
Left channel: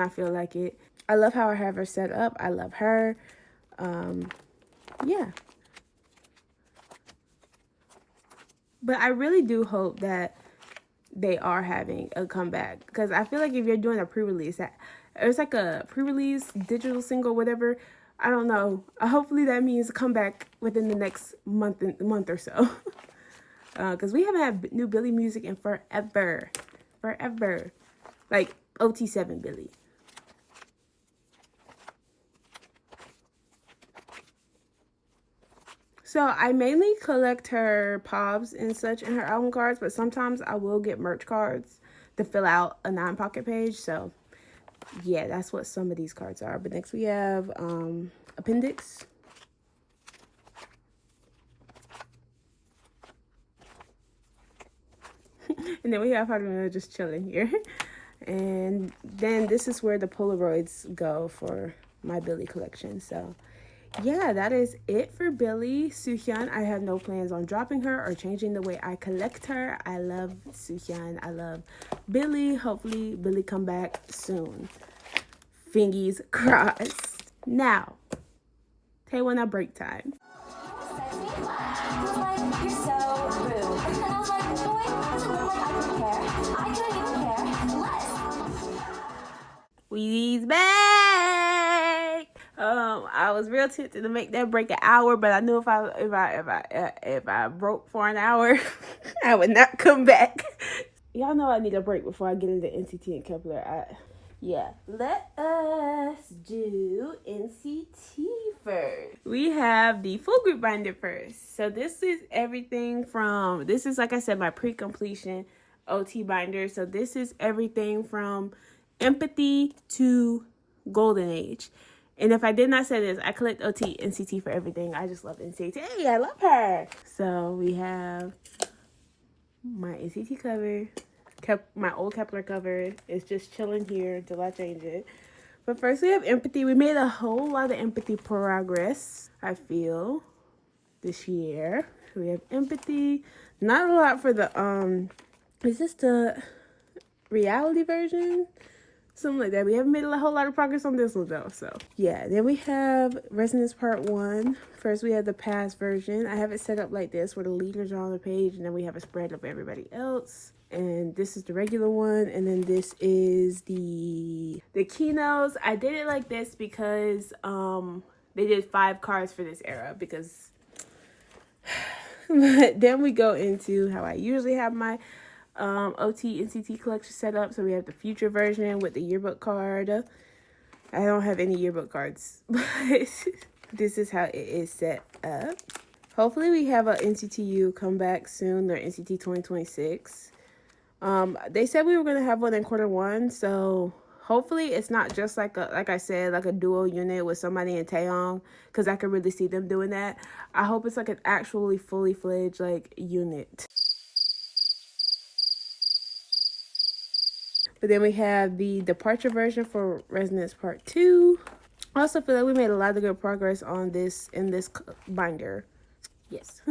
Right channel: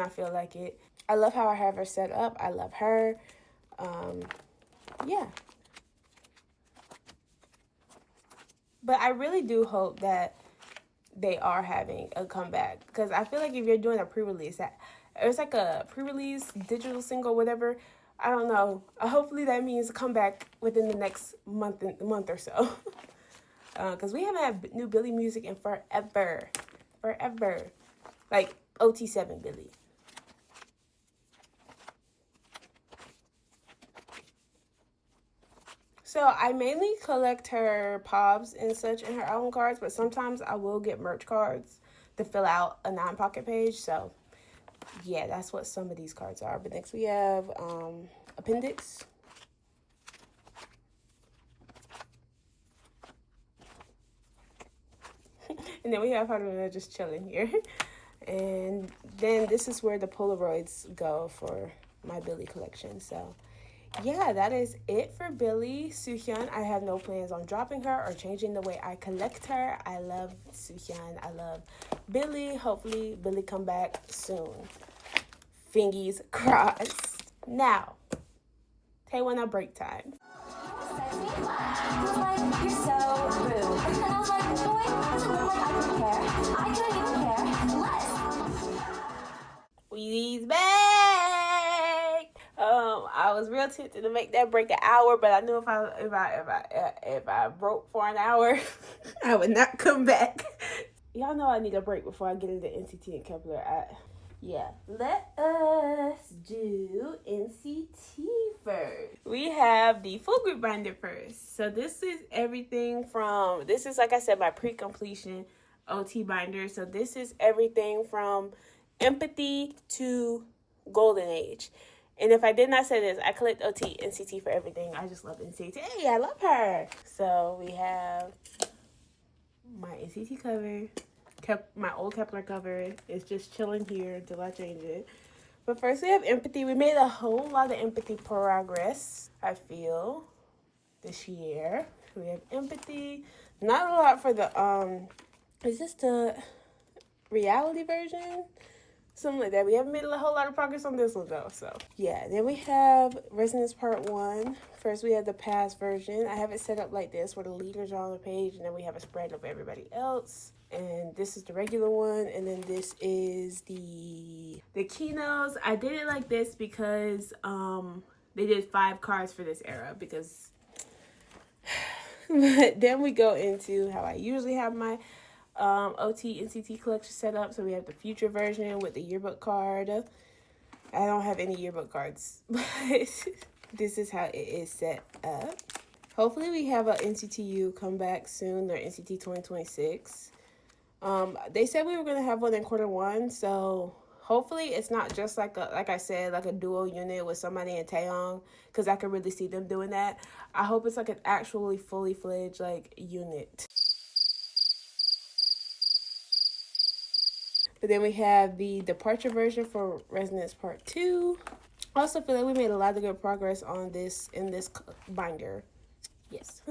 feel like it. I love how I have her set up. I love her. Yeah. But I really do hope that they are having a comeback, because I feel like if you're doing a pre-release, it's like a pre-release digital single, whatever. I don't know. Hopefully that means come back within the next month or so. Because we haven't had new billlie music in forever. Like OT7 billlie. So I mainly collect her pobs and such and her album cards, but sometimes I will get merch cards to fill out a non-pocket page. So yeah, that's what some of these cards are. But next we have appendix. And then we have Haruna just chilling here. And then this is where the Polaroids go for my billlie collection. So yeah, that is it for billlie. Suhyeon, I have no plans on dropping her or changing the way I collect her. I love Suhyeon. I love billlie. Hopefully billlie come back soon. Fingies crossed. Now, kpop break time. You're so rude. And I was like, boy, doesn't look like I don't care. I couldn't even care less. We's back. I was real tempted to make that break an hour, but I knew if I broke for an hour, I would not come back. Y'all know I need a break before I get into NCT and kep1er. Yeah, let us do NCT first. We have the full group binder first. So this is everything from, this is like I said, my pre-completion OT binder. So this is everything from empathy to golden age. And if I did not say this, I collect OT NCT for everything. I just love NCT. Hey, I love her. So we have my NCT cover. My old kep1er cover is just chilling here until I change it. But first we have empathy. We made a whole lot of empathy progress, I feel, this year. We have empathy. Not a lot for the is this the reality version? Something like that. We haven't made a whole lot of progress on this one though. So yeah, then we have Resonance Part 1. First we have the past version. I have it set up like this where the leaders are on the page and then we have a spread of everybody else. And this is the regular one, and then this is the keynotes. I did it like this because they did 5 cards for this era, because but then we go into how I usually have my OT NCT collection set up. So we have the future version with the yearbook card. I don't have any yearbook cards, but this is how it is set up. Hopefully we have a NCTU come back soon, or NCT 2026. They said we were going to have one in Q1, so hopefully it's not just like I said, like a duo unit with somebody in Taeyong, because I could really see them doing that. I hope it's like an actually fully fledged like unit. But then we have the departure version for Resonance Part 2. I also feel like we made a lot of good progress on this in this binder. Yes.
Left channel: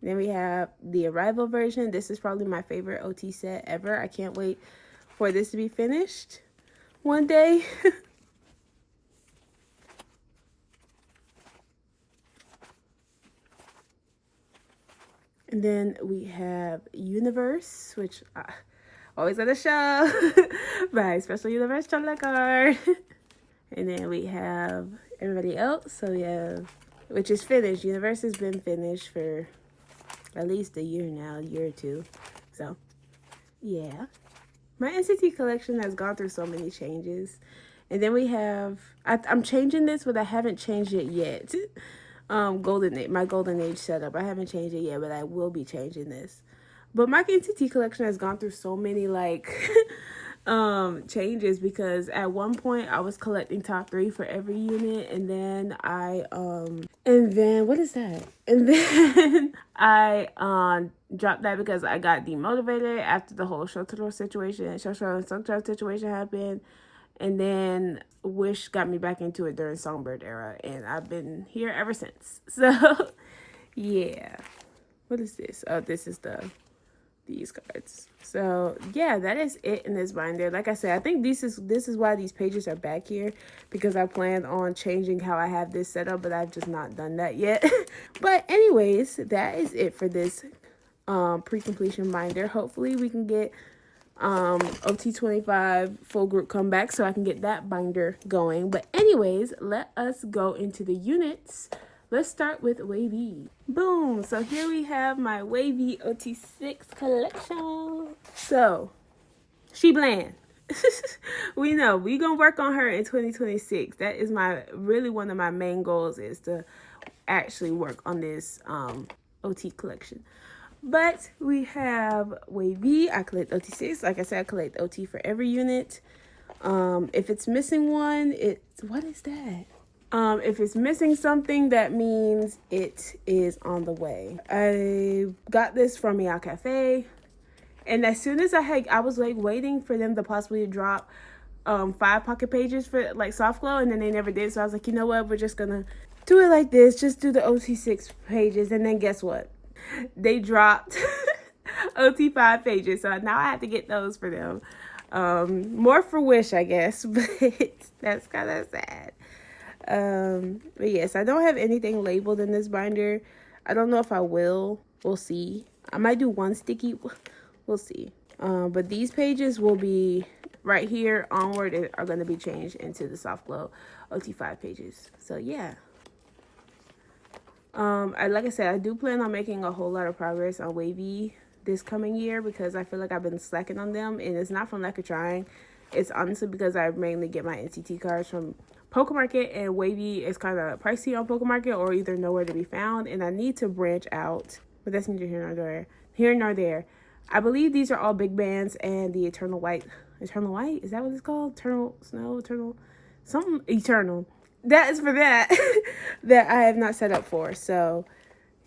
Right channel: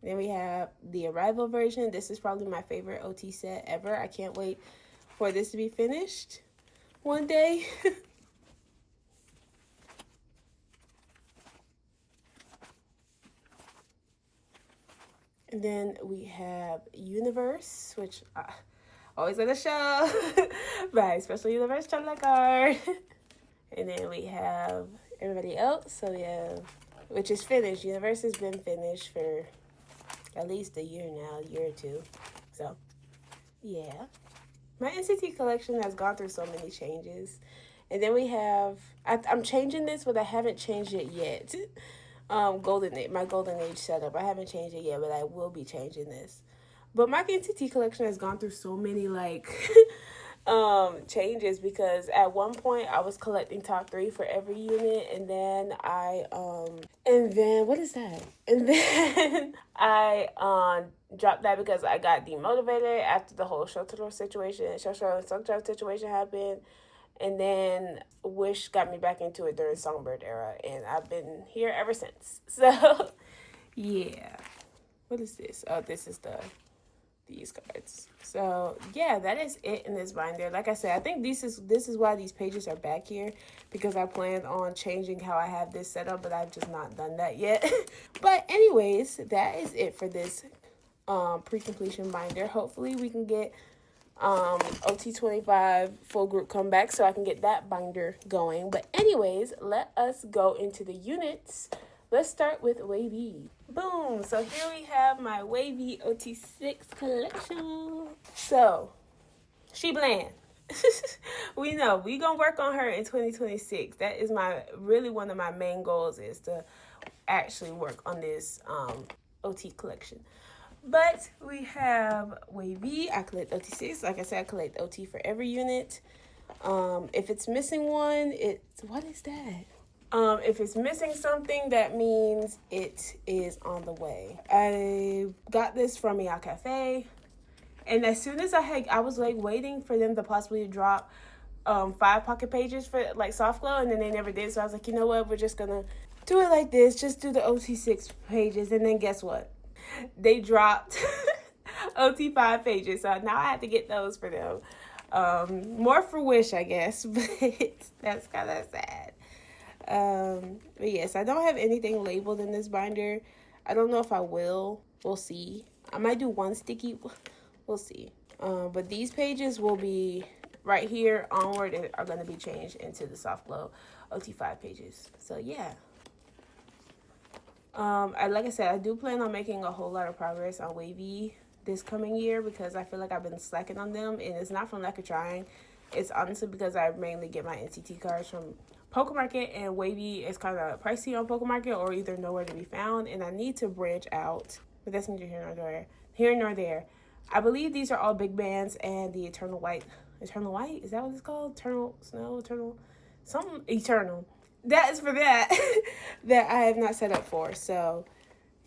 Then we have the Arrival version. This is probably my favorite OT set ever. I can't wait for this to be finished one day. And then we have Universe, which I always let us show. By Special Universe card. And then we have everybody else. So we have, which is finished. Universe has been finished for at least a year now, a year or two. So yeah, my NCT collection has gone through so many changes. And then we have, I'm changing this, but I haven't changed it yet. My golden age setup, I haven't changed it yet, but I will be changing this. But my NCT collection has gone through so many like changes, because at one point I was collecting top 3 for every unit, and then what is that? And then I dropped that because I got demotivated after the whole shotaro situation happened. And then Wish got me back into it during Songbird era, and I've been here ever since. So yeah. What is this? Oh, this is these cards. So yeah, that is it in this binder. Like I said, I think this is why these pages are back here, because I planned on changing how I have this set up, but I've just not done that yet. But anyways, that is it for this pre-completion binder. Hopefully we can get OT25 full group comeback so I can get that binder going. But anyways, let us go into the units. Let's start with wayv. Boom. So here we have my wayv OT6 collection. So she bland. We know we gonna work on her in 2026. That is really one of my main goals, is to actually work on this OT collection. But we have wayv. I collect OT6. Like I said, I collect OT for every unit. If it's missing one, what is that? If it's missing something, that means it is on the way. I got this from Meow Cafe, and as soon as I was like waiting for them to possibly drop 5 pocket pages for like soft glow, and then they never did. So I was like, you know what, we're just gonna do it like this, just do the OT6 pages. And then guess what, they dropped OT5 pages, so now I have to get those for them. More for Wish, I guess, but that's kind of sad. But yes, I don't have anything labeled in this binder. I don't know if I will. We'll see. I might do one sticky. We'll see. But these pages will be right here onward are going to be changed into the soft glow OT5 pages. So yeah. Like I said, I do plan on making a whole lot of progress on wayv this coming year, because I feel like I've been slacking on them, and it's not from lack of trying. It's honestly because I mainly get my NCT cards from Pokemarket, and wayv is kind of pricey on Pokemarket, or either nowhere to be found, and I need to branch out. But that's neither here nor there. Here nor there. I believe these are all big bands, and the Eternal White, is that what it's called? Eternal Snow, something Eternal. That is for that that I have not set up for. So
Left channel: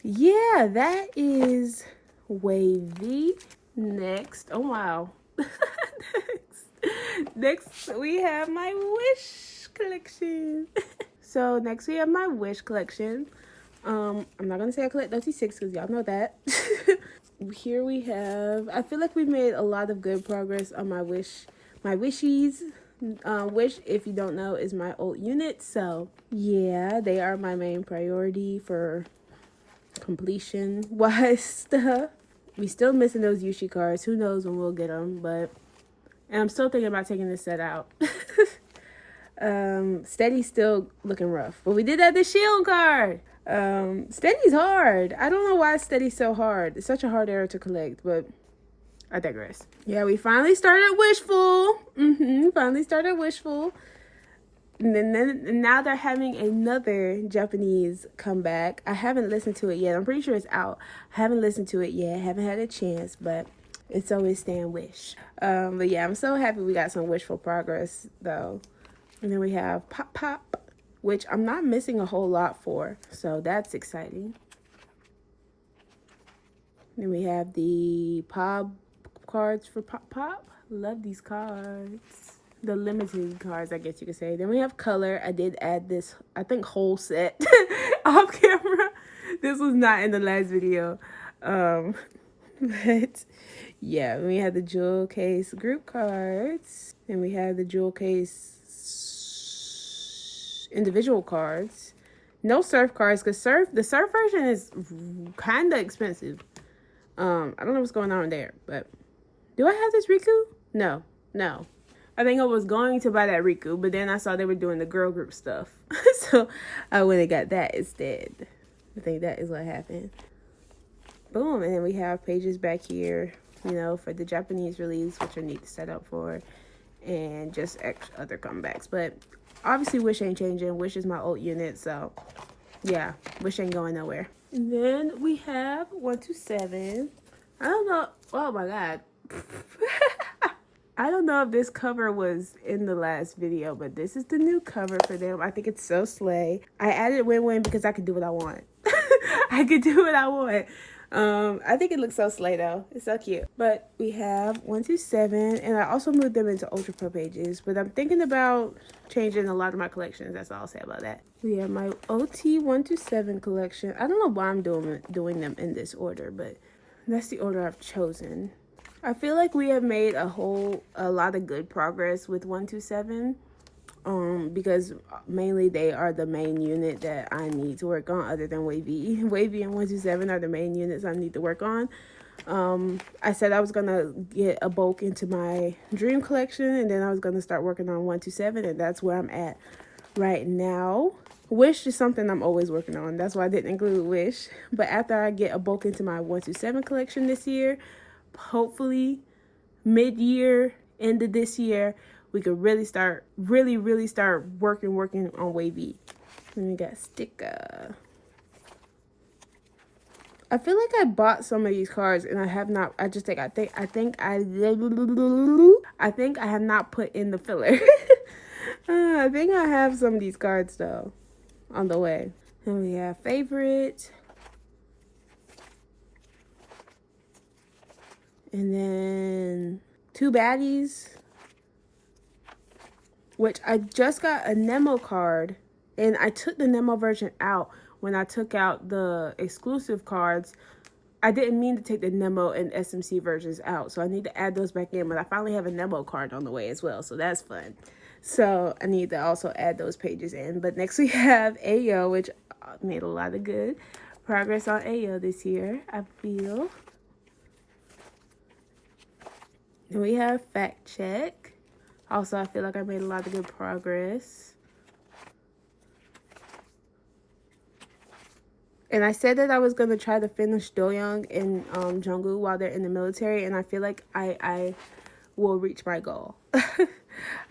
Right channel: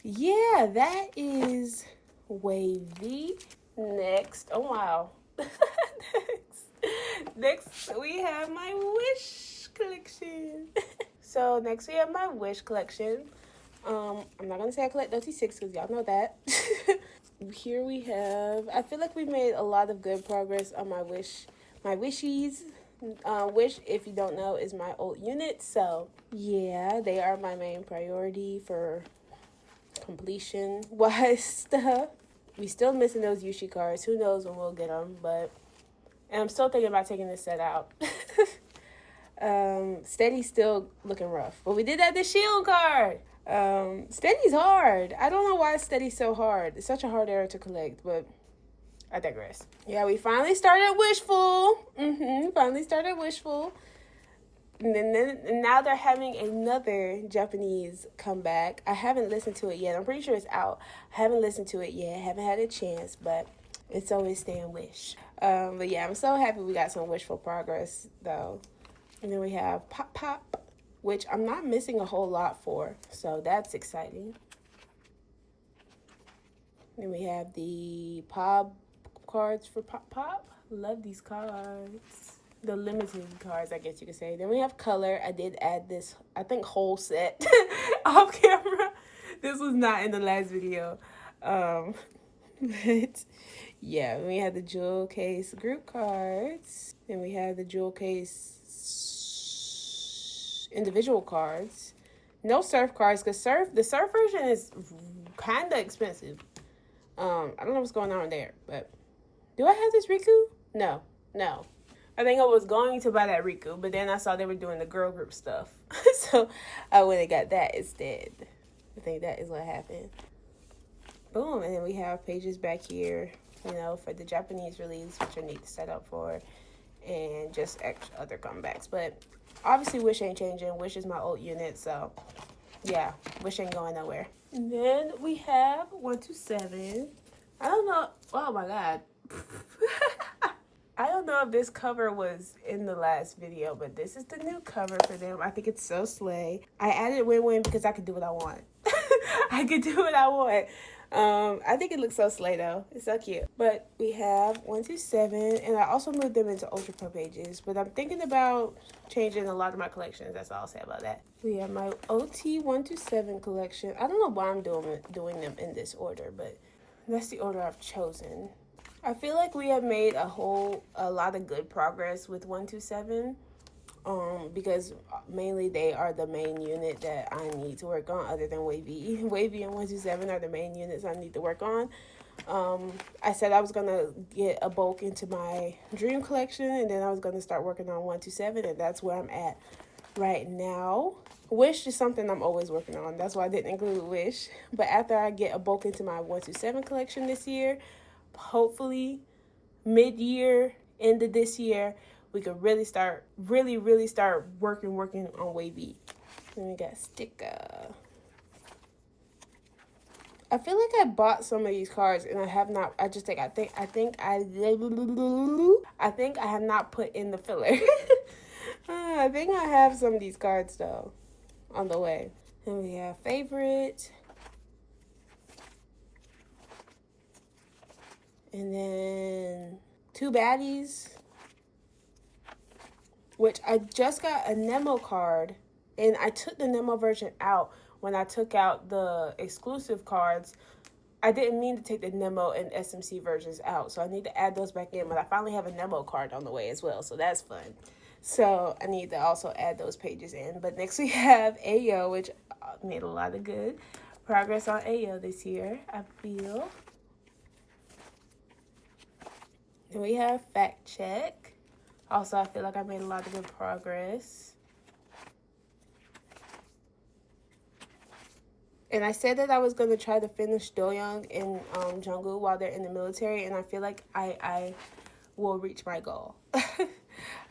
yeah, that is wayv. Next, oh wow. Next we have my Wish collection. So next we have my Wish collection. I'm not gonna say I collect OT6 because y'all know that. Here we have, I feel like we've made a lot of good progress on my wishies. Wish, if you don't know, is my old unit. So yeah, they are my main priority for completion wise stuff. We still missing those Yushi cards. Who knows when we'll get them, but and I'm still thinking about taking this set out. Steady's still looking rough, but we did have the shield card. Steady's hard. I don't know why Steady's so hard. It's such a hard era to collect, but I digress. Yeah, we finally started Wishful. Finally started Wishful. And now they're having another Japanese comeback. I haven't listened to it yet. I'm pretty sure it's out. I haven't listened to it yet. Haven't had a chance, but it's always staying Wish. But yeah, I'm so happy we got some Wishful progress though. And then we have Pop, which I'm not missing a whole lot for, so that's exciting. Then we have the Pop cards for Pop. Love these cards. The limited cards, I guess you could say. Then we have color. I did add this, I think, whole set off camera. This was not in the last video. But yeah, we have the jewel case group cards. And we have the jewel case individual cards. No surf cards, because the surf version is kind of expensive. I don't know what's going on there, but do I have this Riku? No. I think I was going to buy that Riku, but then I saw they were doing the girl group stuff. So I went and got that instead. I think that is what happened. Boom, and then we have pages back here, you know, for the Japanese release, which I need to set up for, and just extra other comebacks. But obviously Wish ain't changing. Wish is my old unit, so yeah, Wish ain't going nowhere. And then we have 127. I don't know. Oh my god. I don't know if this cover was in the last video, but this is the new cover for them. I think it's so slay. I added win-win because I could do what I want. I could do what I want. I think it looks so slay though. It's so cute. But we have 127, and I also moved them into Ultra Pro pages. But I'm thinking about changing a lot of my collections. That's all I'll say about that. We have my OT 127 collection. I don't know why I'm doing them in this order, but that's the order I've chosen. I feel like we have made a lot of good progress with 127. Because mainly they are the main unit that I need to work on, other than wavy. Wavy and 127 are the main units I need to work on. I said I was gonna get a bulk into my dream collection, and then I was gonna start working on 127, and that's where I'm at right now. Wish is something I'm always working on. That's why I didn't include Wish. But after I get a bulk into my 127 collection this year, hopefully mid-year, end of this year, we could really start working on wavy. Then we got sticker. I feel like I bought some of these cards and I have not. I think I have not put in the filler. I think I have some of these cards though on the way. And we have favorite. And then two baddies, which I just got a Nemo card, and I took the Nemo version out when I took out the exclusive cards. I didn't mean to take the Nemo and SMC versions out, so I need to add those back in, but I finally have a Nemo card on the way as well, so that's fun. So I need to also add those pages in. But next we have Ayo, which made a lot of good progress on Ayo this year, I feel. Then we have Fact Check. Also, I feel like I made a lot of good progress. And I said that I was going to try to finish Dojaejung and Jungkook while they're in the military, and I feel like I will reach my goal.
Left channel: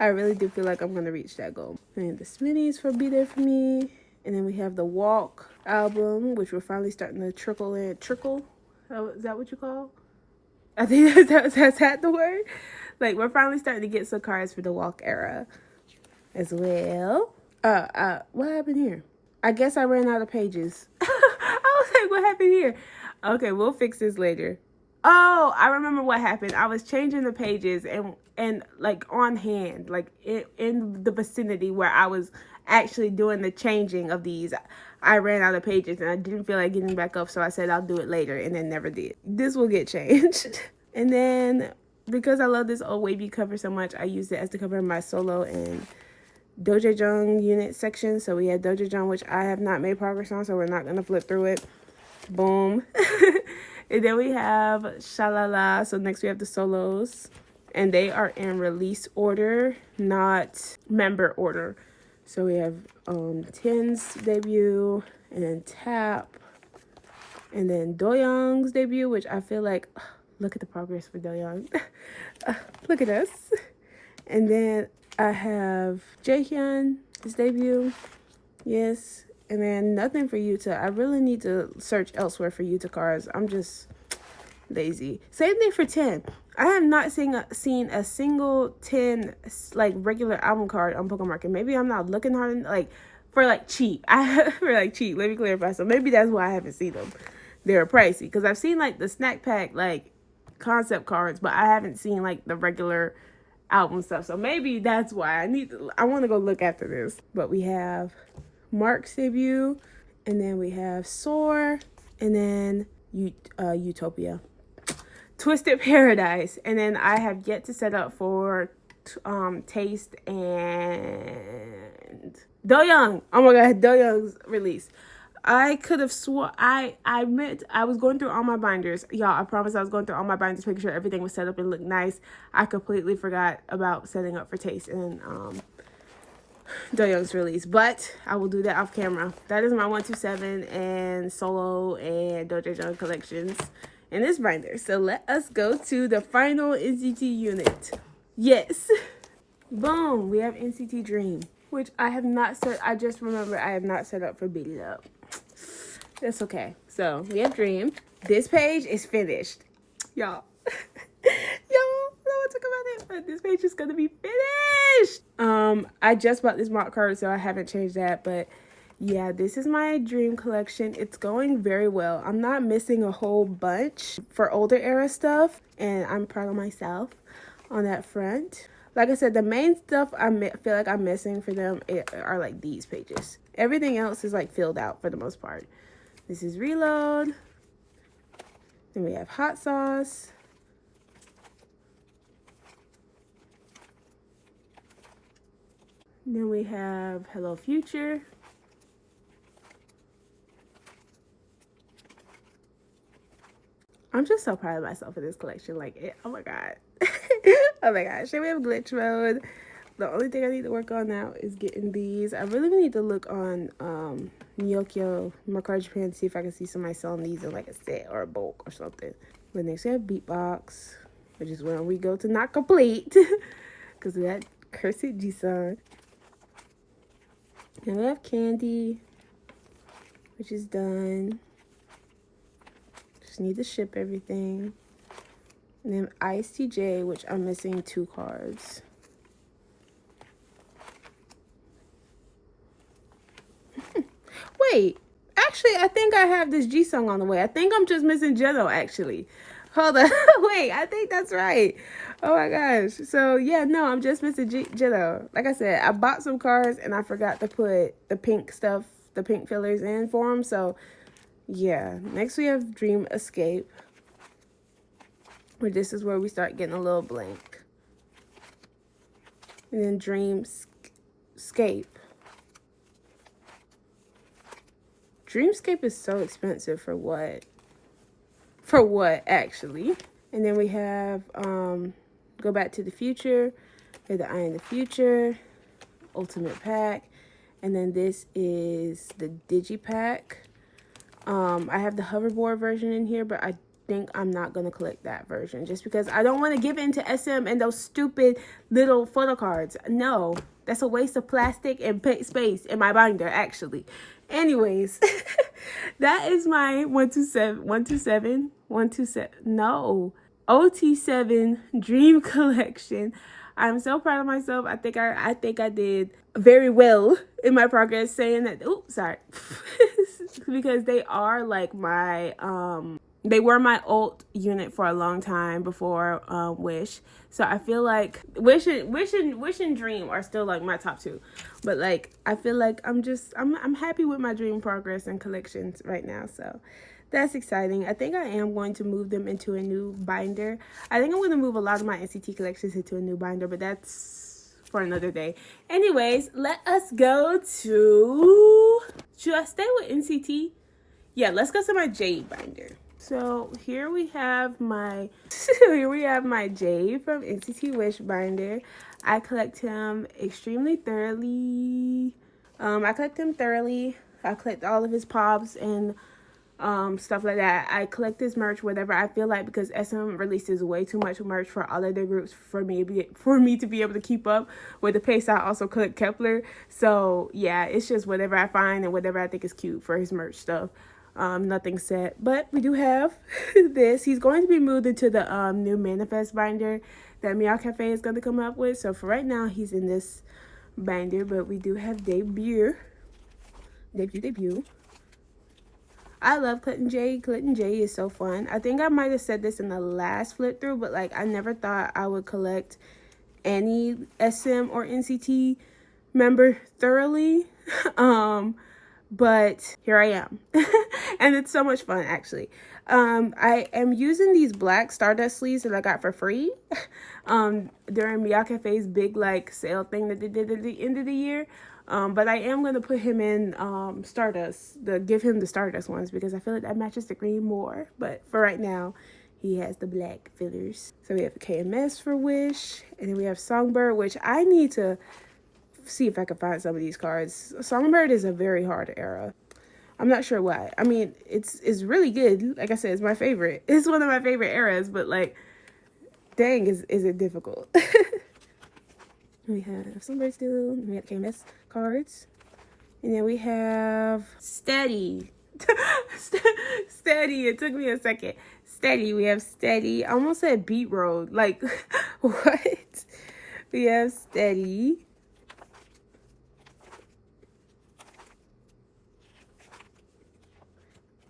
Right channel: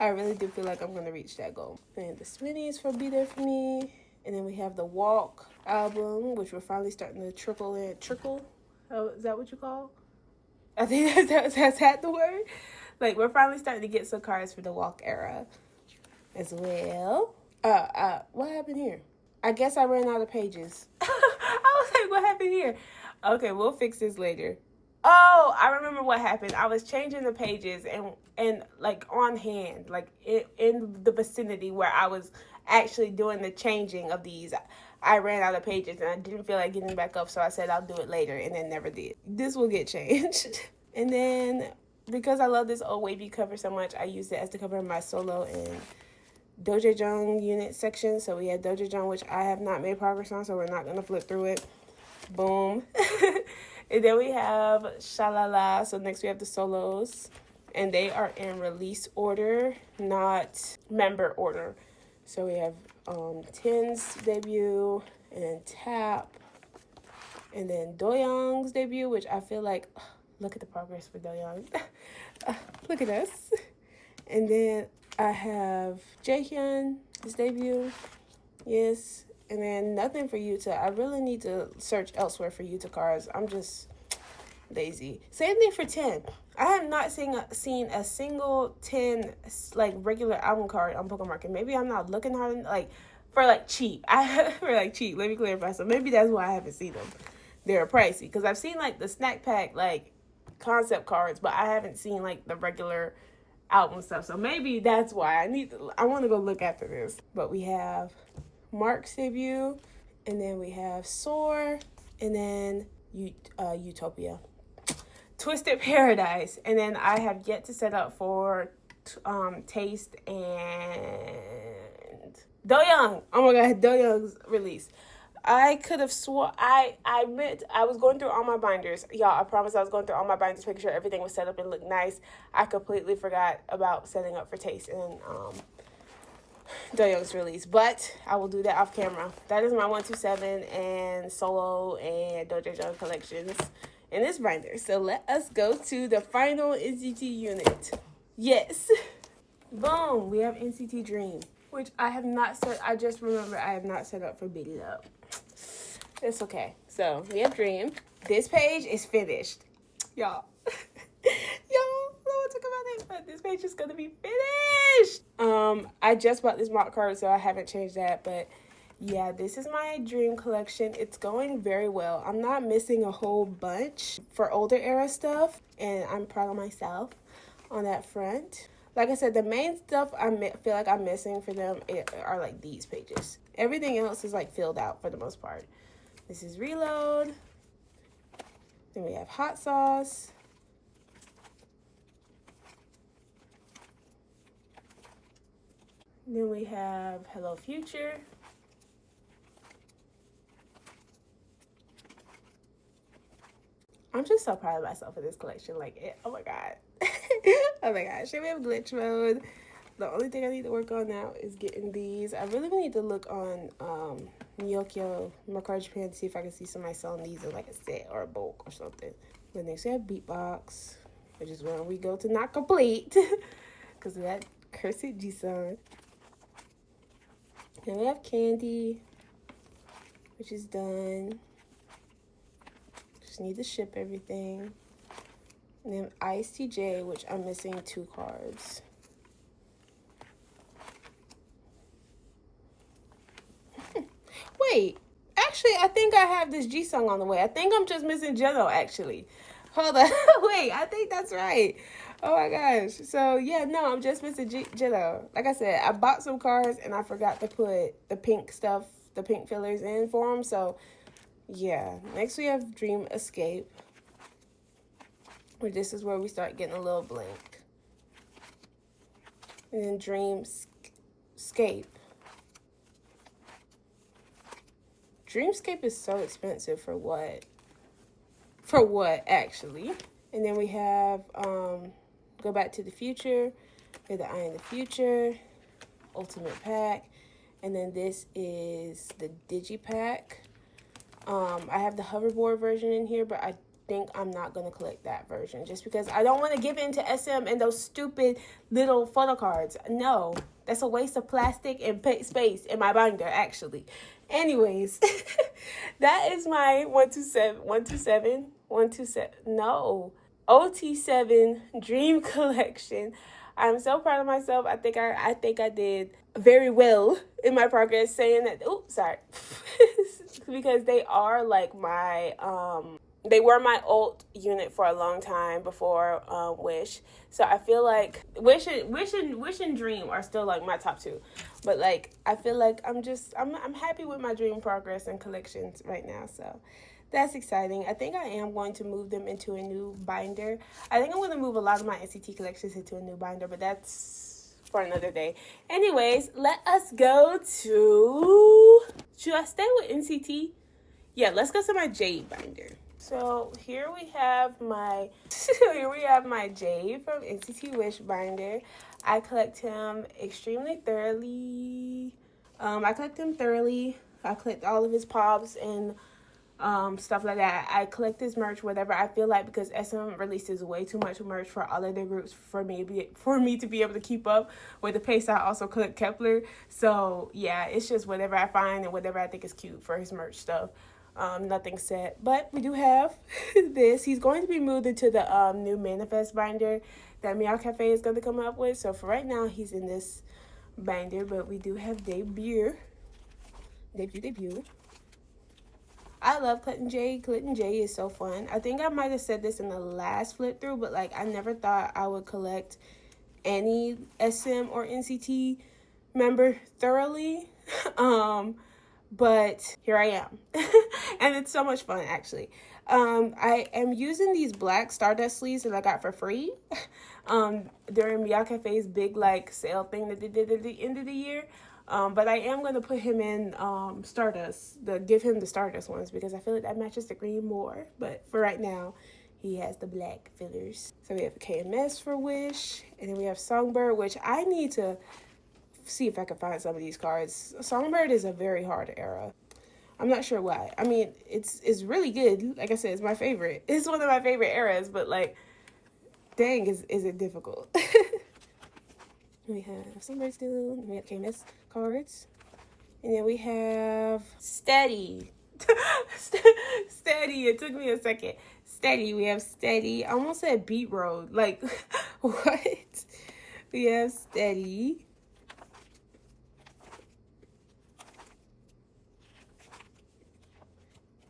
I really do feel like I'm going to reach that goal. And the Smitties for Be There For Me. And then we have the Walk album, which we're finally starting to trickle in. Trickle? Oh, is that what you call? I think that's that the word. Like, we're finally starting to get some cards for the Walk era as well. What happened here? I guess I ran out of pages. I was like, what happened here? Okay, we'll fix this later. Oh, I remember what happened. I was changing the pages and like on hand, like in the vicinity where I was actually doing the changing of these. I ran out of pages and I didn't feel like getting back up, so I said I'll do it later, and then never did. This will get changed. And then, because I love this old wavy cover so much, I used it as the cover of my solo and dojaejung unit section. So we had dojaejung, which I have not made progress on, so we're not going to flip through it. Boom. And then we have shalala. So next we have the solos, and they are in release order, not member order. So we have Ten's debut, and Tap, and then Doyoung's debut, which I feel like, look at the progress for Dojaejung. Look at us. And then I have Jaehyun's debut. Yes. And then nothing for Yuta. I really need to search elsewhere for Yuta cards. I'm just lazy. Same thing for 10. I have not seen a single 10 like regular album card on Pokemon Market. Maybe I'm not looking hard enough, like for like cheap. Cheap. Let me clarify. So maybe that's why I haven't seen them. They're pricey because I've seen like the snack pack like concept cards, but I haven't seen like the regular album stuff. So maybe that's why I want to go look after this. But we have Mark's debut, and then we have Soar, and then Utopia. Twisted Paradise, and then I have yet to set up for Taste and Dojaejung. Oh my god, Dojaejung's release. I could have swore I was going through all my binders. Y'all, I promise I was going through all my binders, making sure everything was set up and looked nice. I completely forgot about setting up for Taste and Dojaejung's release, but I will do that off camera. That is my 127 and solo and Dojaejung collections in this binder. So let us go to the final NCT unit. Yes. Boom. We have NCT Dream, which I have not set. I just remember I have not set up for Beat It Up. That's okay. So we have Dream. This page is finished. Y'all. Y'all, let's talk about it, but this page is gonna be finished. I just bought this mark card, so I haven't changed that, but yeah, this is my dream collection. It's going very well. I'm not missing a whole bunch for older era stuff, and I'm proud of myself on that front. Like I said, the main stuff I feel like I'm missing for them are like these pages. Everything else is like filled out for the most part. This is Reload. Then we have Hot Sauce. Then we have Hello Future. I'm just so proud of myself for this collection. Like, oh my god. Oh my gosh. Should we have glitch mode? The only thing I need to work on now is getting these. I really need to look on Nyokyo, Mercari Japan, to see if I can see somebody selling these in like a set or a bulk or something. But next we have Beatbox, which is when we go to not complete because of that cursed G-song. And we have Candy, which is done. Just need to ship everything. And then Ice TJ, which I'm missing 2 cards. Wait, actually, I think I have this G-song on the way. I think I'm just missing Jeno, actually. Hold on. Wait, I think that's right. Oh my gosh. So, yeah, no, I'm just missing Jeno. Like I said, I bought some cards and I forgot to put the pink stuff, the pink fillers in for them. So, yeah. Next, we have Dream Escape. This is where we start getting a little blank. And then Dreamscape. Dreamscape is so expensive for what? For what, actually? And then we have Go Back to the Future, or the Eye in the Future, Ultimate Pack. And then this is the Digipack. I have the hoverboard version in here, but I think I'm not going to collect that version just because I don't want to give in to SM and those stupid little photo cards. No, that's a waste of plastic and space in my binder, actually. Anyways, that is my 0T7 Dream Collection. I'm so proud of myself. I think I did very well in my progress saying that. Oops, sorry. Because they are like my they were my alt unit for a long time before Wish. So I feel like Wish and Dream are still like my top 2. But like I feel like I'm happy with my Dream progress and collections right now. So that's exciting. I think I am going to move them into a new binder. I think I'm going to move a lot of my NCT collections into a new binder, but that's for another day. Anyways, let us go to... Should I stay with NCT? Yeah, let's go to my Jade binder. So here we have my jaehee from NCT Wish binder. I collect him extremely thoroughly. I collect him thoroughly. I collect all of his pops and stuff like that. I collect his merch, whatever I feel like, because SM releases way too much merch for all of their groups for me to be able to keep up with the pace. I also collect kep1er. So yeah, it's just whatever I find and whatever I think is cute for his merch stuff. Nothing set, but we do have this. He's going to be moved into the new Manifest binder that Meow Cafe is going to come up with. So for right now, he's in this binder, but we do have debut. I love collecting jaehee. Collecting jaehee is so fun. I think I might have said this in the last flip through, but like I never thought I would collect any SM or NCT member thoroughly. But here I am. And it's so much fun, actually. I am using these black Stardust sleeves that I got for free during Meow Cafe's big like sale thing that they did at the end of the year. But I am going to put him in Stardust, give him the Stardust ones, because I feel like that matches the green more. But for right now, he has the black fillers. So we have KMS for Wish, and then we have Songbird, which I need to see if I can find some of these cards. Songbird is a very hard era. I'm not sure why. I mean, it's really good. Like I said, it's my favorite. It's one of my favorite eras, but like, dang, is it difficult. We have Songbird still. We have KMS cards. And then we have Steady. Steady. It took me a second. steady. We have steady. I almost said beat road. Like, what? We have steady.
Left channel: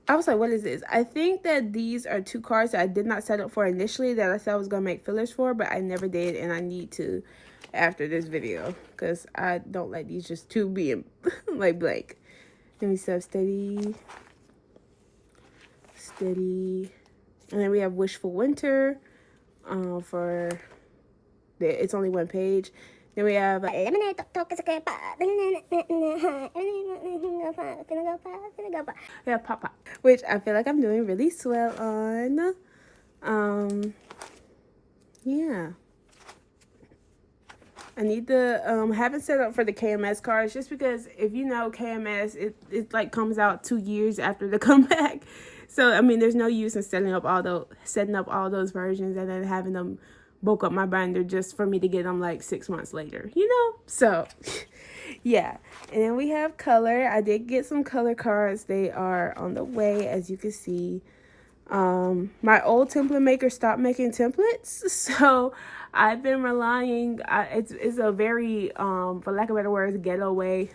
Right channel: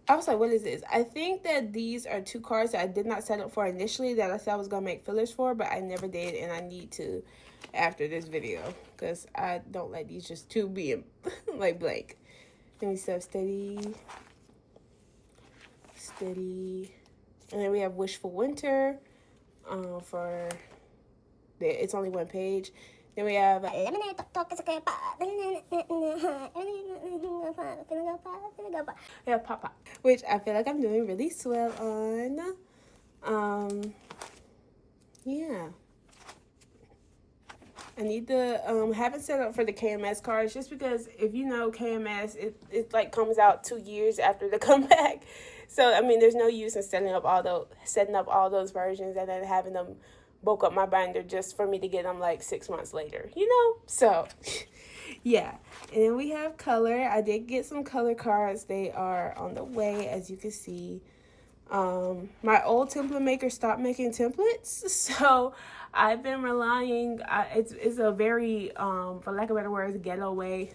I was like, what is this? I think that these are 2 cards that I did not set up for initially that I said I was going to make fillers for, but I never did, and I need to after this video because I don't like these just 2 being like blank. Then we still have steady. Steady. And then we have Wishful Winter for it's only 1 page. Then we have pop, which I feel like I'm doing really swell on. Yeah. I need the haven't set up for the KMS cards just because if you know KMS, it like comes out 2 years after the comeback. So I mean, there's no use in setting up all those versions and then having them bulk up my binder just for me to get them like 6 months later, you know? So yeah. And then we have color. I did get some color cards. They are on the way, as you can see. My old template maker stopped making templates, so I've been relying, it's a very, for lack of better words, ghetto way.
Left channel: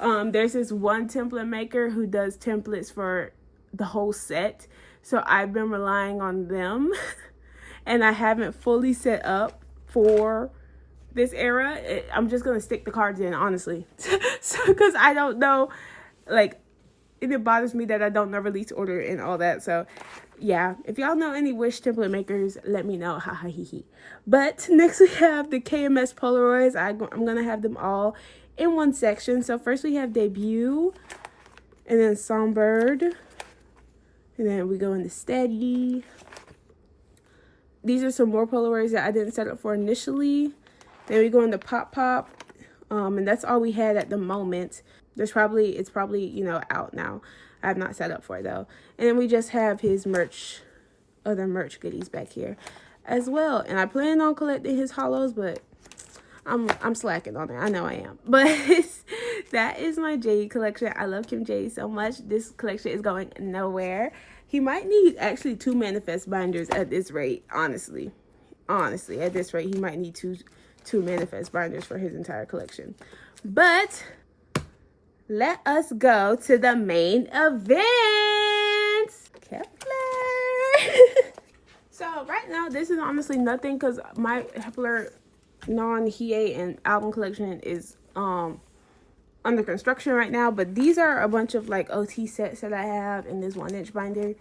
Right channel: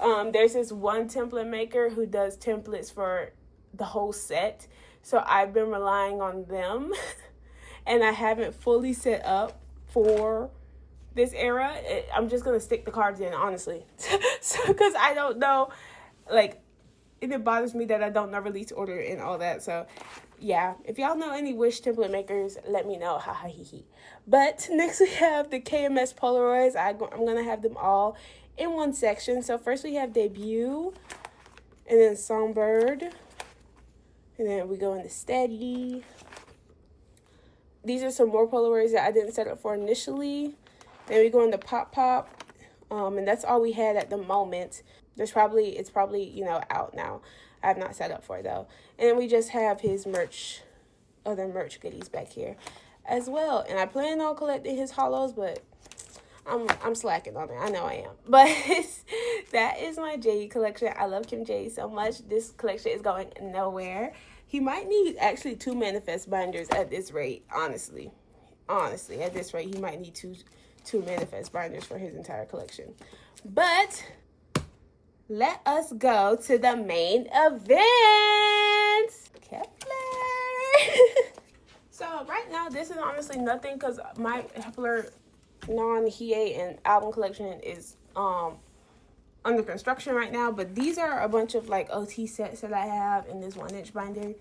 There's this one template maker who does templates for the whole set, so I've been relying on them. And I haven't fully set up for this era. I'm just going to stick the cards in, honestly. So, because I don't know, like, it bothers me that I don't know release order and all that. So, yeah. If y'all know any Wish template makers, let me know. Ha ha hee hee. But next we have the KMS Polaroids. I'm going to have them all in one section. So, first we have Debut. And then Songbird. And then we go into Steady. These are some more Polaroids that I didn't set up for initially. Then we go into Pop. And that's all we had at the moment. It's probably, you know, out now. I have not set up for it though. And we just have his merch, other merch goodies back here as well. And I plan on collecting his hollows, but I'm slacking on it. I know I am. But that is my Jaehee collection. I love Kim Jaehee so much. This collection is going nowhere. He might need actually 2 manifest binders at this rate, honestly. Honestly, at this rate, he might need two manifest binders for his entire collection. But let us go to the main event. kep1er. So right now, this is honestly nothing because my kep1er non-hiyyih and album collection is under construction right now, but these are a bunch of like OT sets that I have in this 1-inch binder.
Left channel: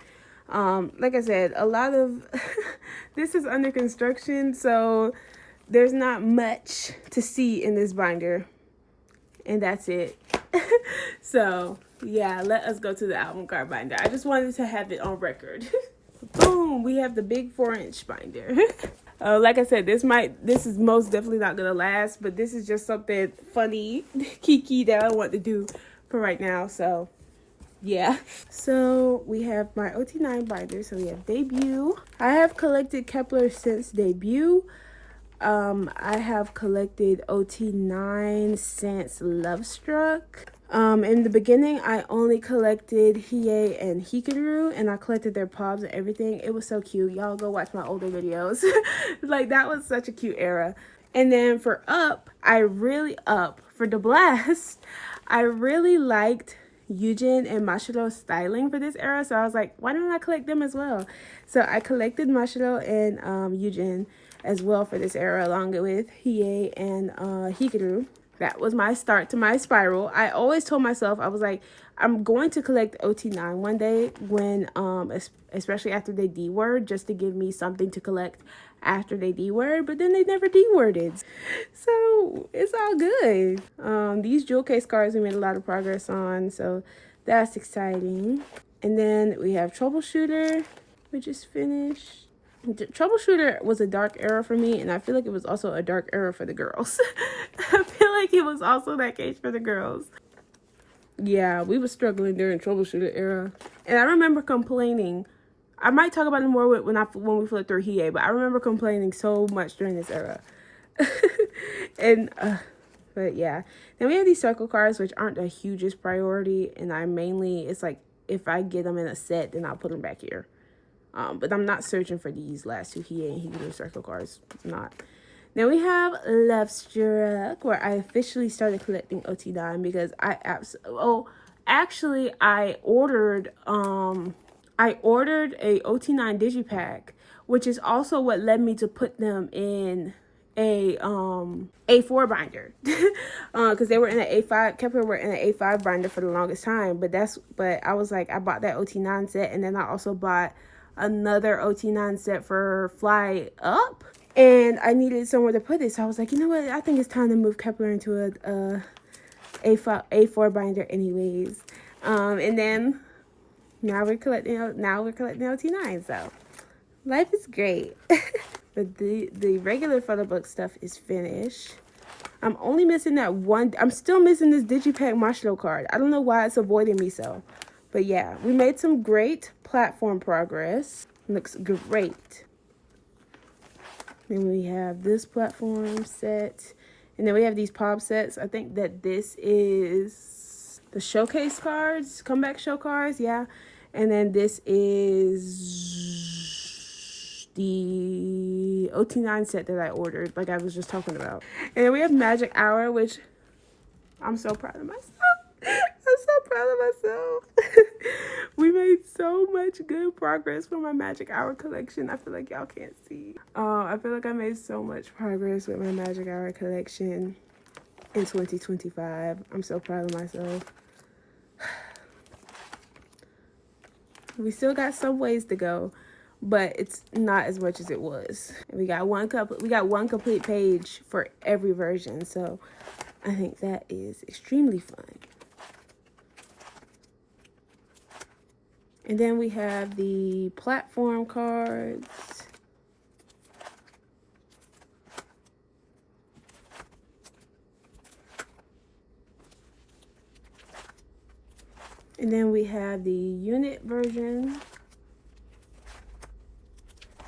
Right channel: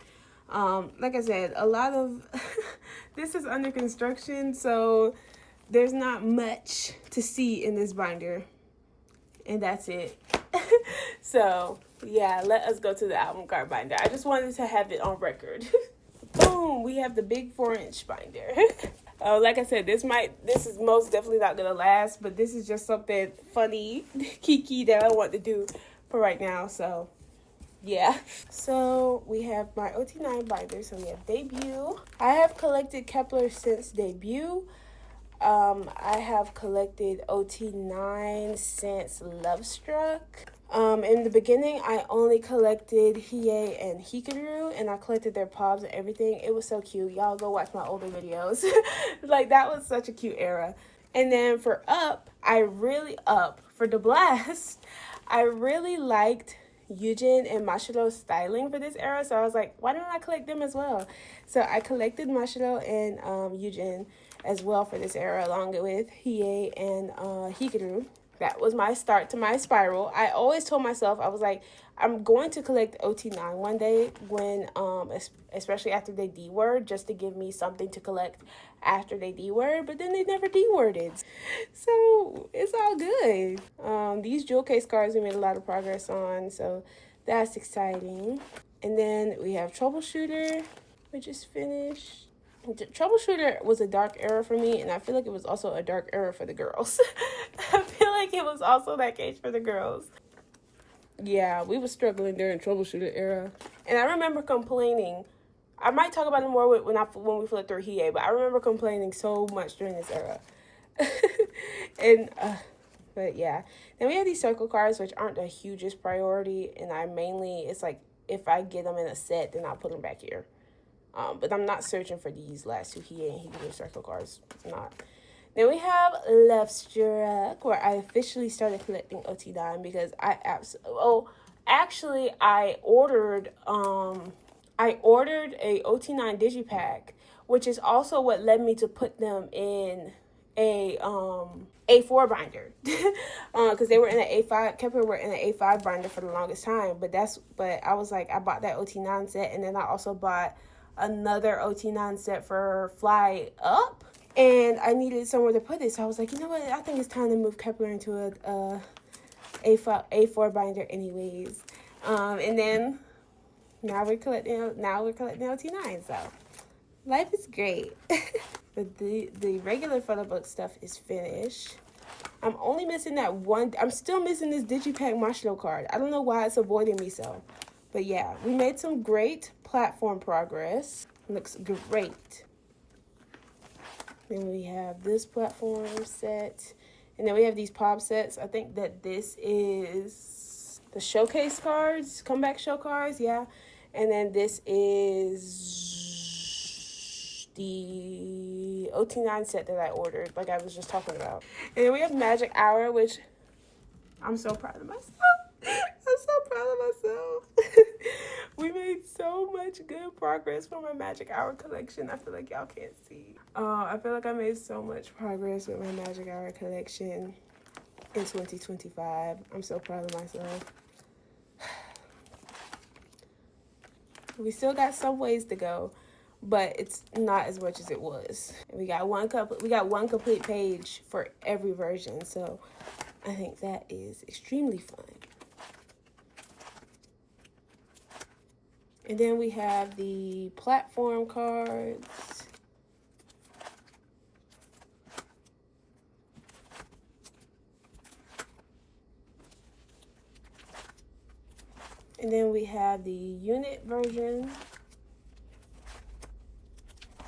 Like I said, a lot of this is under construction, so there's not much to see in this binder, and that's it. So yeah, let us go to the album card binder. I just wanted to have it on record. Boom, we have the big 4-inch binder. Like I said, this is most definitely not gonna last, but this is just something funny, kiiikiii that I want to do for right now. So yeah. So we have my OT9 binder. So we have Debut. I have collected kep1er since Debut. I have collected OT9 since Love Struck. In the beginning, I only collected hiyyih and hiyyih, and I collected their pops and everything. It was so cute. Y'all go watch my older videos. Like, that was such a cute era. And then for Up, for the Blast, I really liked Yujin and Mashiro's styling for this era. So I was like, why don't I collect them as well? So I collected Mashiro and Yujin as well for this era, along with hiyyih and hiyyih. That was my start to my spiral. I always told myself, I was like, I'm going to collect OT9 one day when, especially after they D-word, just to give me something to collect after they D-word, but then they never D-worded. So it's all good. These jewel case cards we made a lot of progress on, so that's exciting. And then we have Troubleshooter, which is finished. Troubleshooter was a dark era for me, and I feel like it was also a dark era for the girls. I feel like it was also that case for the girls. Yeah, we were struggling during Troubleshooter era. And I remember complaining. I might talk about it more when we flip through hiyyih, but I remember complaining so much during this era. And but yeah. Then we have these circle cards, which aren't the hugest priority, and it's like if I get them in a set, then I'll put them back here. But I'm not searching for these last two hiyyih and hiyyih circle cards. Not. Then we have Love Struck, where I officially started collecting OT9 because I ordered a OT9 digipack, which is also what led me to put them in a A4 binder, because they were in an A5. kep1er were in an A5 binder for the longest time, but I was like, I bought that OT9 set, and then I also bought another OT9 set for Fly Up, and I needed somewhere to put it, so I was like, you know what, I think it's time to move kep1er into a A4 binder anyways. And then now we're collecting OT9, so life is great. But the regular photo book stuff is finished. I'm only missing that one. I'm still missing this digipack marshmallow card. I don't know why it's avoiding me so. But yeah, we made some great platform progress. Looks great. Then we have this platform set. And then we have these pop sets. I think that this is the showcase cards, comeback show cards, yeah. And then this is the OT9 set that I ordered, like I was just talking about. And then we have Magic Hour, which I'm so proud of myself. I'm so proud of myself. We made so much good progress for my Magic Hour collection. I feel like y'all can't see. I feel like I made so much progress with my Magic Hour collection in 2025. I'm so proud of myself. We still got some ways to go, but it's not as much as it was. We got one complete page for every version, so I think that is extremely fun. And then we have the platform cards. And then we have the unit version.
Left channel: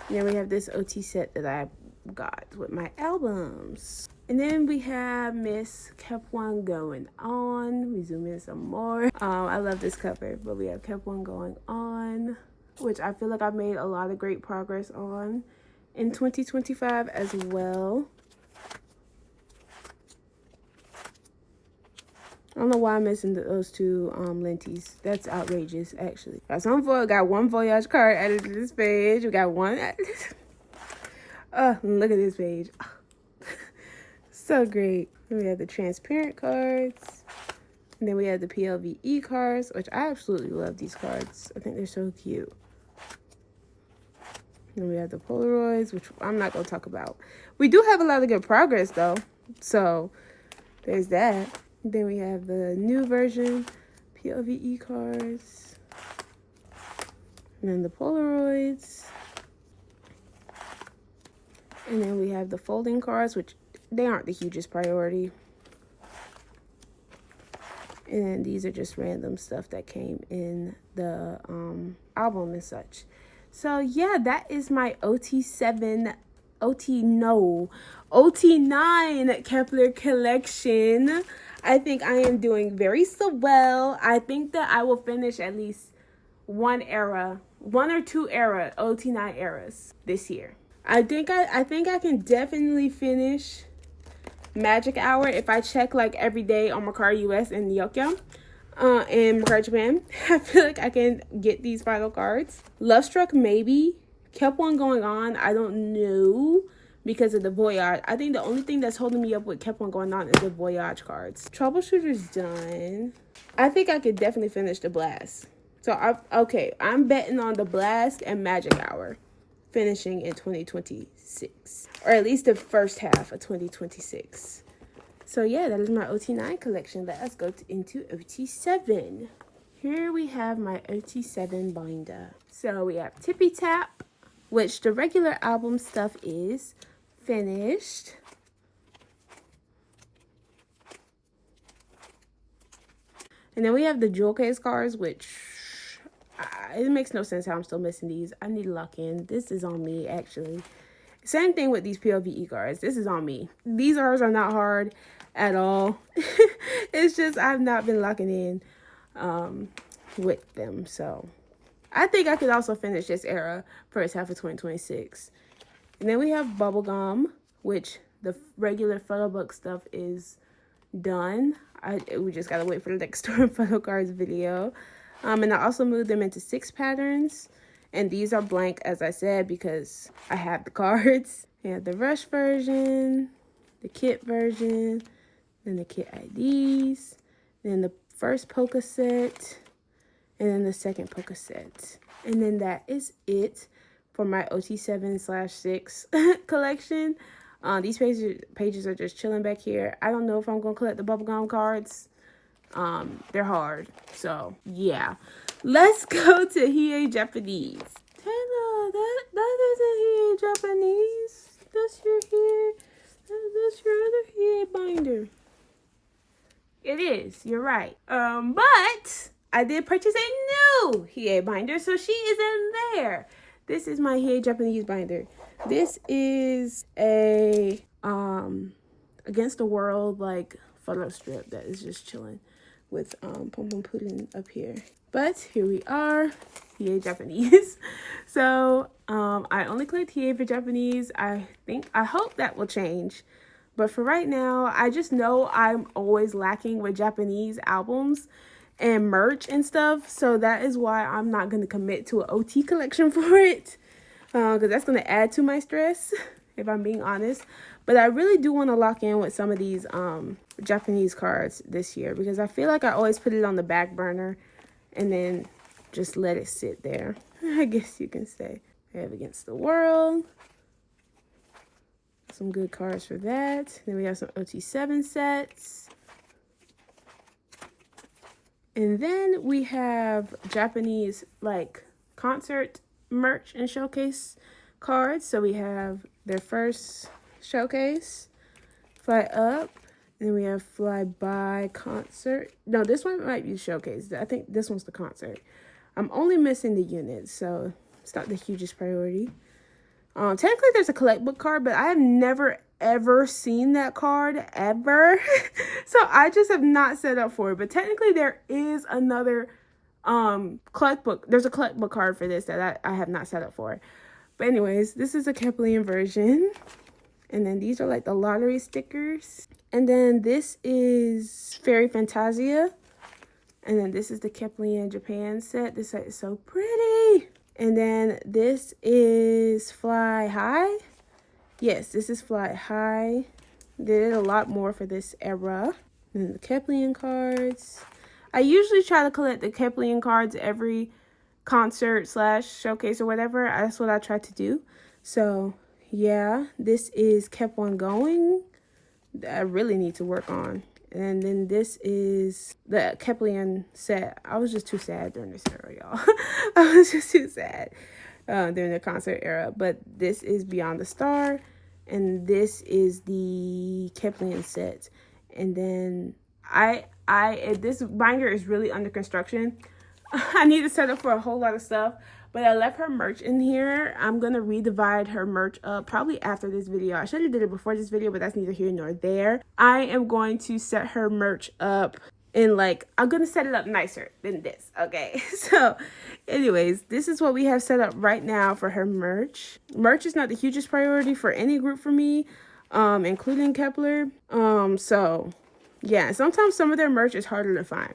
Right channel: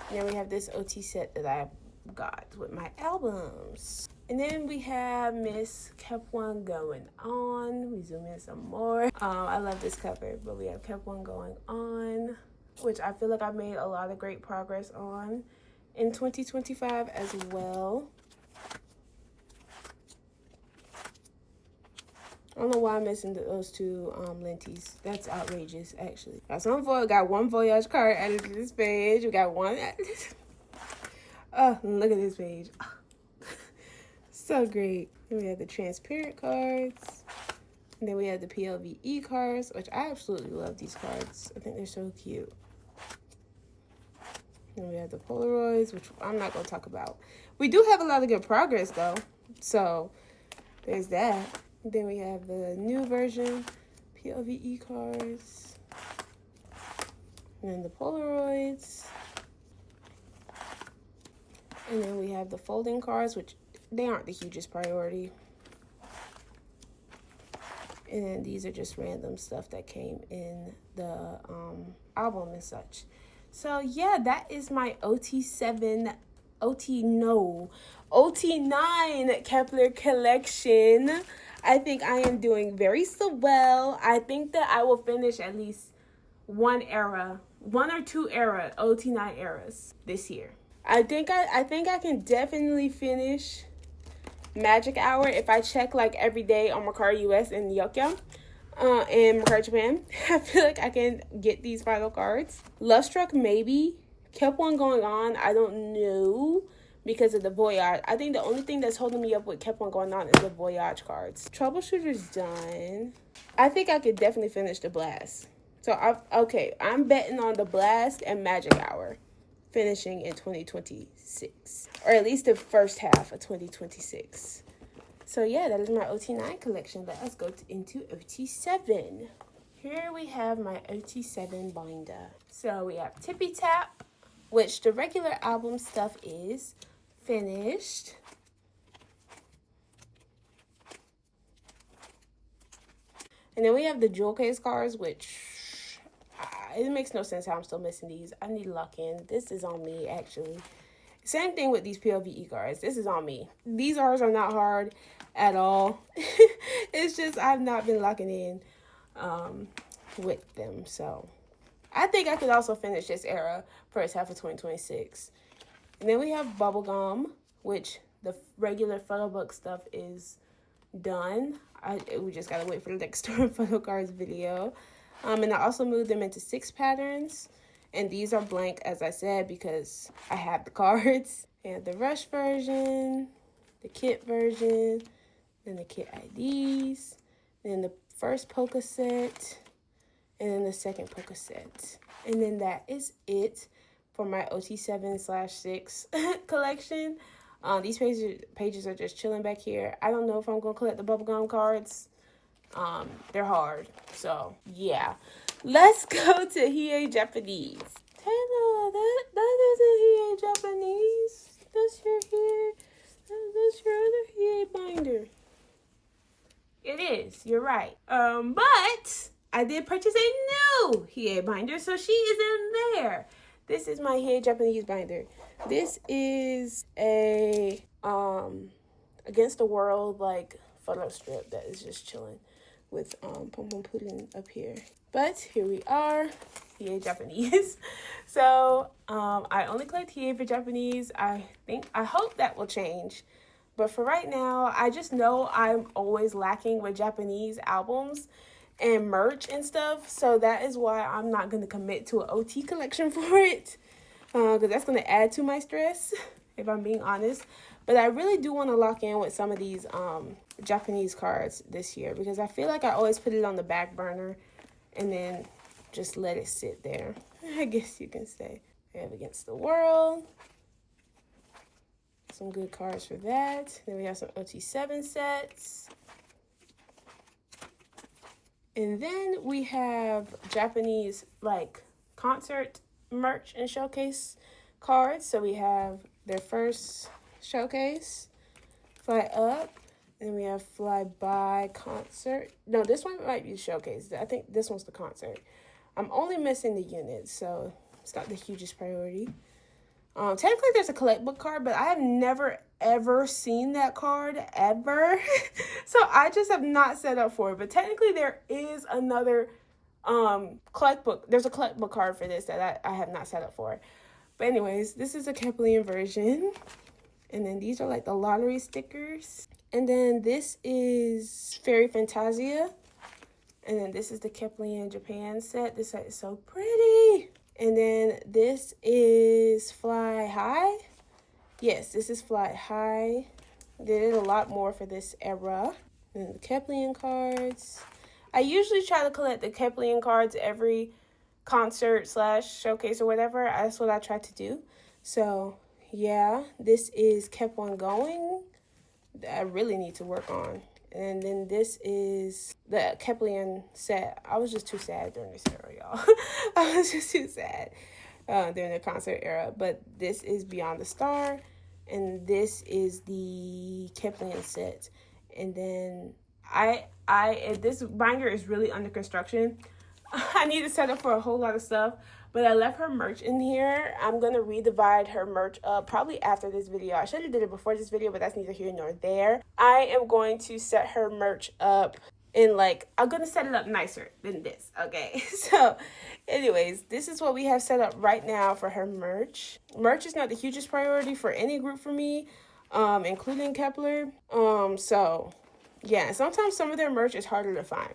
And then we have this OT set that I got with my albums. And then we have Miss kep1er going on. We zoom in some more. I love this cover, but we have kep1er going on, which I feel like I made a lot of great progress on in 2025 as well. I don't know why I'm missing those two lenties. That's outrageous, actually. Got one Voyage card added to this page. We got one added. Oh, look at this page. So great. Then we have the transparent cards. And then we have the PLVE cards, which I absolutely love these cards. I think they're so cute. Then we have the Polaroids, which I'm not going to talk about. We do have a lot of good progress, though. So there's that. Then we have the new version, PLVE cards. And then the Polaroids. And then we have the folding cards, which they aren't the hugest priority. And then these are just random stuff that came in the album and such. So yeah, that is my OT9 kep1er collection. I think I am doing very so well. I think that I will finish at least one or two OT9 eras this year. I think I can definitely finish Magic Hour if I check like every day on Mercari US and Yeokyeom. And Mercari Japan. I feel like I can get these final cards. Love Struck, maybe. kep1er going on, I don't know, because of the Voyage. I think the only thing that's holding me up with kep1er going on is the Voyage cards. Troubleshooter's done. I think I could definitely finish the Blast. So, I'm betting on the Blast and Magic Hour finishing in 2026. Or at least the first half of 2026. So yeah, that is my OT9 collection. Let us go into OT7. Here we have my OT7 binder. So we have Tippy Tap, which the regular album stuff is finished. And then we have the jewel case cards, which it makes no sense how I'm still missing these. I need to lock in. This is on me, actually. Same thing with these PLVE cards. This is on me. These cards are not hard at all. It's just I've not been locking in with them. So I think I could also finish this era first half of 2026. And then we have bubblegum, which the regular photo book stuff is done. We just gotta wait for the next photocards video. And I also moved them into 6 patterns. And these are blank, as I said, because I have the cards. We have the rush version, the kit version, then the kit IDs, then the first polka set, and then the second polka set. And then that is it for my OT7/6 collection. These pages are just chilling back here. I don't know if I'm going to collect the bubblegum cards. They're hard. So, yeah. Let's go to hiyyih Japanese. Tana, that isn't hiyyih Japanese. That's your hiyyih. That's your other hiyyih binder. It is. You're right. But I did purchase a new hiyyih binder, so she is in there. This is my hiyyih Japanese binder. This is a Against the World like photo strip that is just chilling with Pom Pom Pudding up here. But here we are, hiyyih Japanese. So I only collect hiyyih for Japanese. I hope that will change. But for right now, I just know I'm always lacking with Japanese albums and merch and stuff. So that is why I'm not going to commit to an OT collection for it. Because that's going to add to my stress, if I'm being honest. But I really do want to lock in with some of these Japanese cards this year. Because I feel like I always put it on the back burner and then just let it sit there, I guess you can say. I have Against the World. Some good cards for that. Then we have some OT7 sets. And then we have Japanese like concert merch and showcase cards. So we have their first showcase, Fly Up. And then we have Fly By Concert. No, this one might be showcase. I think this one's the concert. I'm only missing the units, so it's not the hugest priority. Technically there's a collect book card, but I have never ever seen that card ever. So I just have not set up for it. But technically there is another collect book. There's a collect book card for this that I have not set up for. But anyways, this is a kep1er version. And then these are like the lottery stickers. And then this is Fairy Fantasia. And then this is the kep1er Japan set. This set is so pretty. And then this is Fly High. Yes, this is Fly High. Did a lot more for this era. And then the kep1er cards. I usually try to collect the kep1er cards every concert / showcase or whatever. That's what I try to do. So, yeah, this is kep1er Going. That I really need to work on. And then this is the kep1er set. I was just too sad during this era, y'all. I was just too sad during the concert era. But this is Beyond the Star. And this is the kep1er set. And then this binder is really under construction. I need to set up for a whole lot of stuff. But I left her merch in here. I'm going to redivide her merch up probably after this video. I should have did it before this video, but that's neither here nor there. I am going to set her merch up in I'm going to set it up nicer than this, okay? So anyways, this is what we have set up right now for her merch. Merch is not the hugest priority for any group for me, including kep1er. So yeah, sometimes some of their merch is harder to find,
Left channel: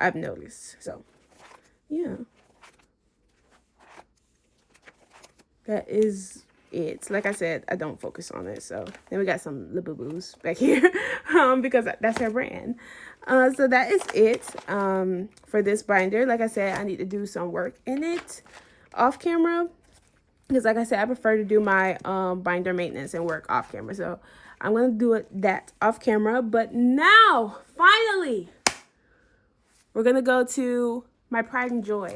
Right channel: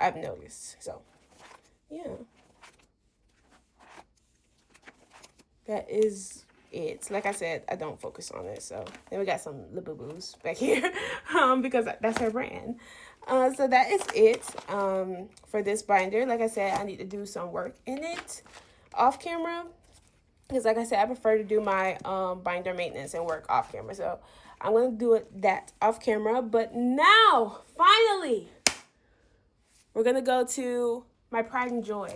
I've noticed. So yeah. That is it. Like I said, I don't focus on it. So then we got some Labubu's back here because that's her brand. So that is it for this binder. Like I said, I need to do some work in it off camera. Because like I said, I prefer to do my binder maintenance and work off camera. So I'm going to do that off camera. But now, finally, we're going to go to my pride and joy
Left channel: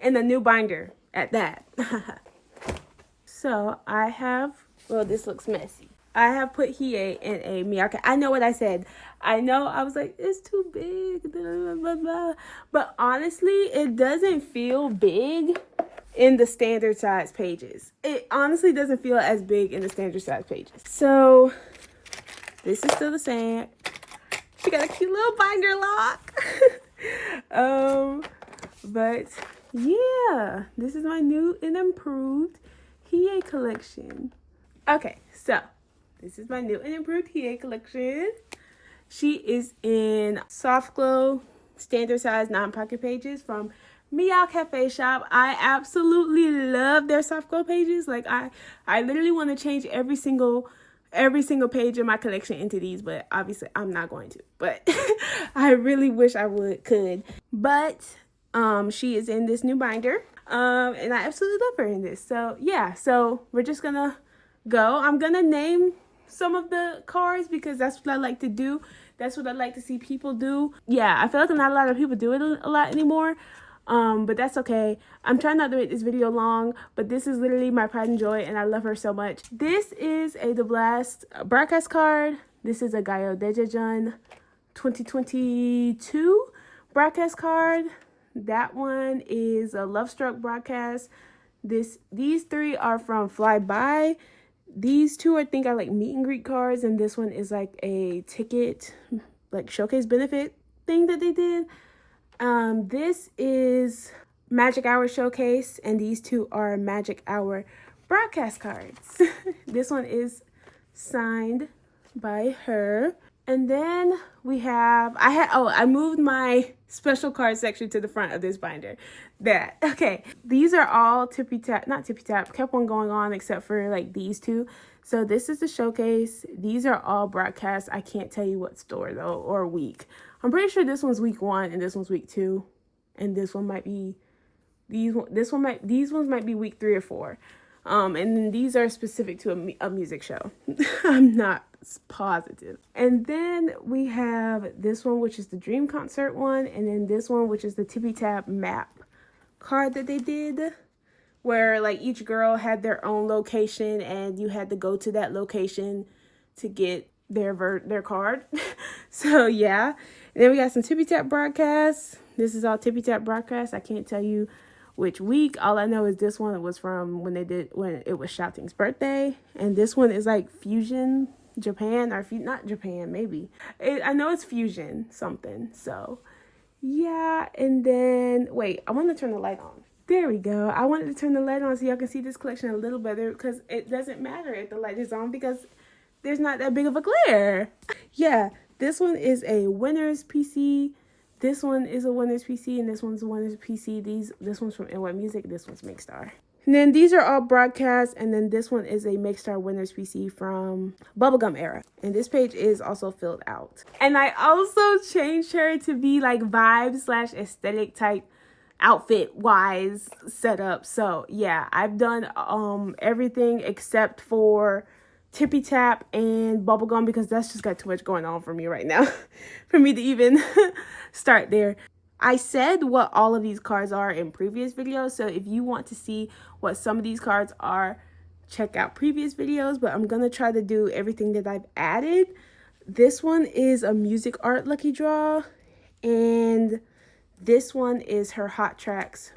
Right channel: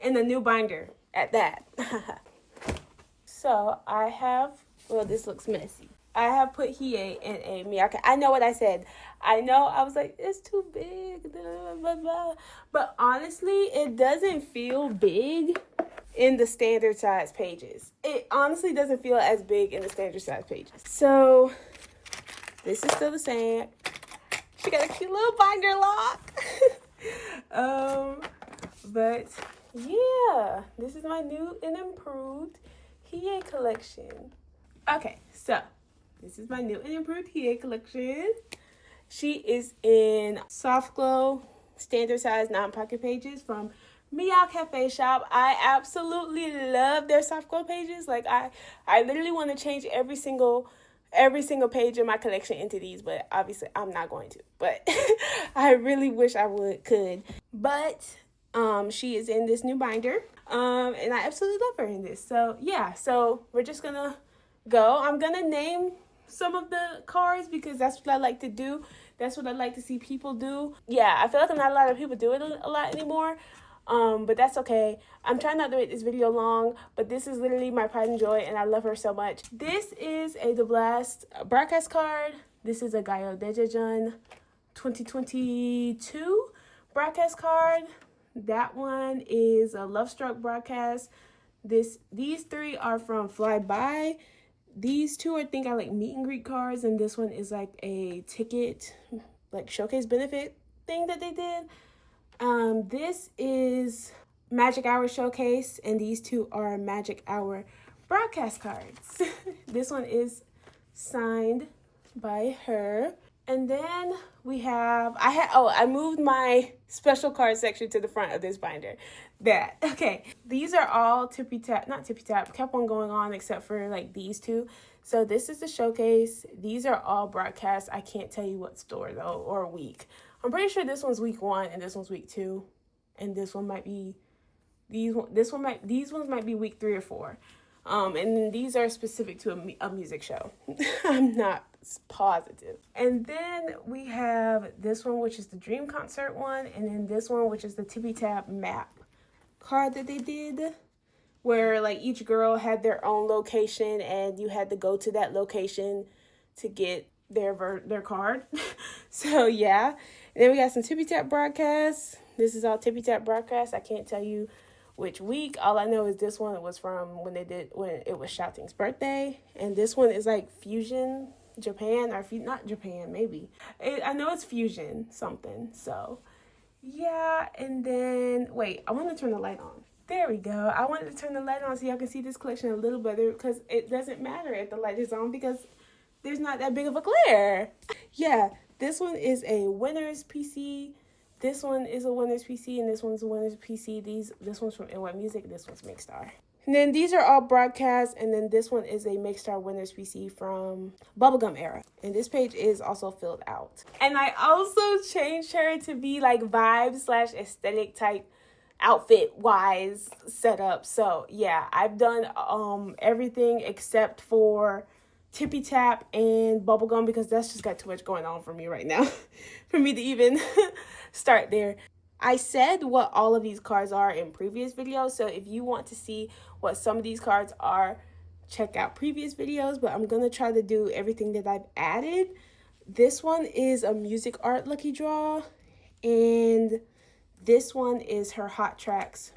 and the new binder at that. So I have, well, this looks messy. I have put hiyyih in a miyake. I know what I said. I know I was like, it's too big. Blah, blah, blah. But honestly, it doesn't feel big in the standard size pages. It honestly doesn't feel as big in the standard size pages. So this is still the same. She got a cute little binder lock. But yeah, this is my new and improved hiyyih collection. Okay, so this is my new and improved hiyyih collection. She is in soft glow, standard size, 9 pocket pages from Meow Cafe Shop. I absolutely love their soft glow pages. Like I literally want to change every single page in my collection into these, but obviously I'm not going to. But I really wish I could. But she is in this new binder. And I absolutely love her in this. So yeah, so we're just gonna go. I'm gonna name some of the cards because that's what I like to do. That's what I like to see people do. Yeah, I feel like not a lot of people do it a lot anymore. But that's okay. I'm trying not to make this video long, but this is literally my pride and joy, and I love her so much. This is a The Blast broadcast card. This is a dojaejung 2022 broadcast card. That one is a Love Struck broadcast. These 3 are from Flyby. These 2 I think are like meet and greet cards, and this one is like a ticket, like showcase benefit thing that they did. This is Magic Hour Showcase, and these 2 are Magic Hour broadcast cards. This one is signed by her. And then we have, I moved my special card section to the front of this binder. Okay, these are all not tippy tap, kept on going on except for like these 2. So this is the showcase. These are all broadcasts. I can't tell you what store though, or week. I'm pretty sure this one's week 1 and this one's week 2. And this one might be, these ones might be week 3 or 4. And then these are specific to a music show. I'm not positive. And then we have this one, which is the Dream Concert one. And then this one, which is the Tippy Tap map card that they did, where like each girl had their own location and you had to go to that location to get their card. So yeah. And then we got some Tippy Tap broadcasts. This is all Tippy Tap broadcasts. I can't tell you which week. All I know is this one was from when it was Shouting's birthday, and this one is like Fusion Japan, or not Japan, maybe. I know it's Fusion something. So yeah, and then wait, I want to turn the light on. There we go. I wanted to turn the light on so y'all can see this collection a little better, because it doesn't matter if the light is on because there's not that big of a glare. Yeah, this one is a winner's PC. This one is a winner's PC, and this one's a winner's PC. This one's from NY Music. This one's Makestar. And then these are all broadcasts, and then this one is a Makestar winner's PC from Bubblegum Era. And this page is also filled out. And I also changed her to be like vibe/aesthetic type outfit wise setup. So yeah, I've done everything except for Tippy Tap and Bubblegum, because that's just got too much going on for me right now for me to even start there. I said what all of these cards are in previous videos, so if you want to see what some of these cards are, check out previous videos, but I'm gonna try to do everything that I've added. This one is a music art lucky draw, and this one is her Hot Tracks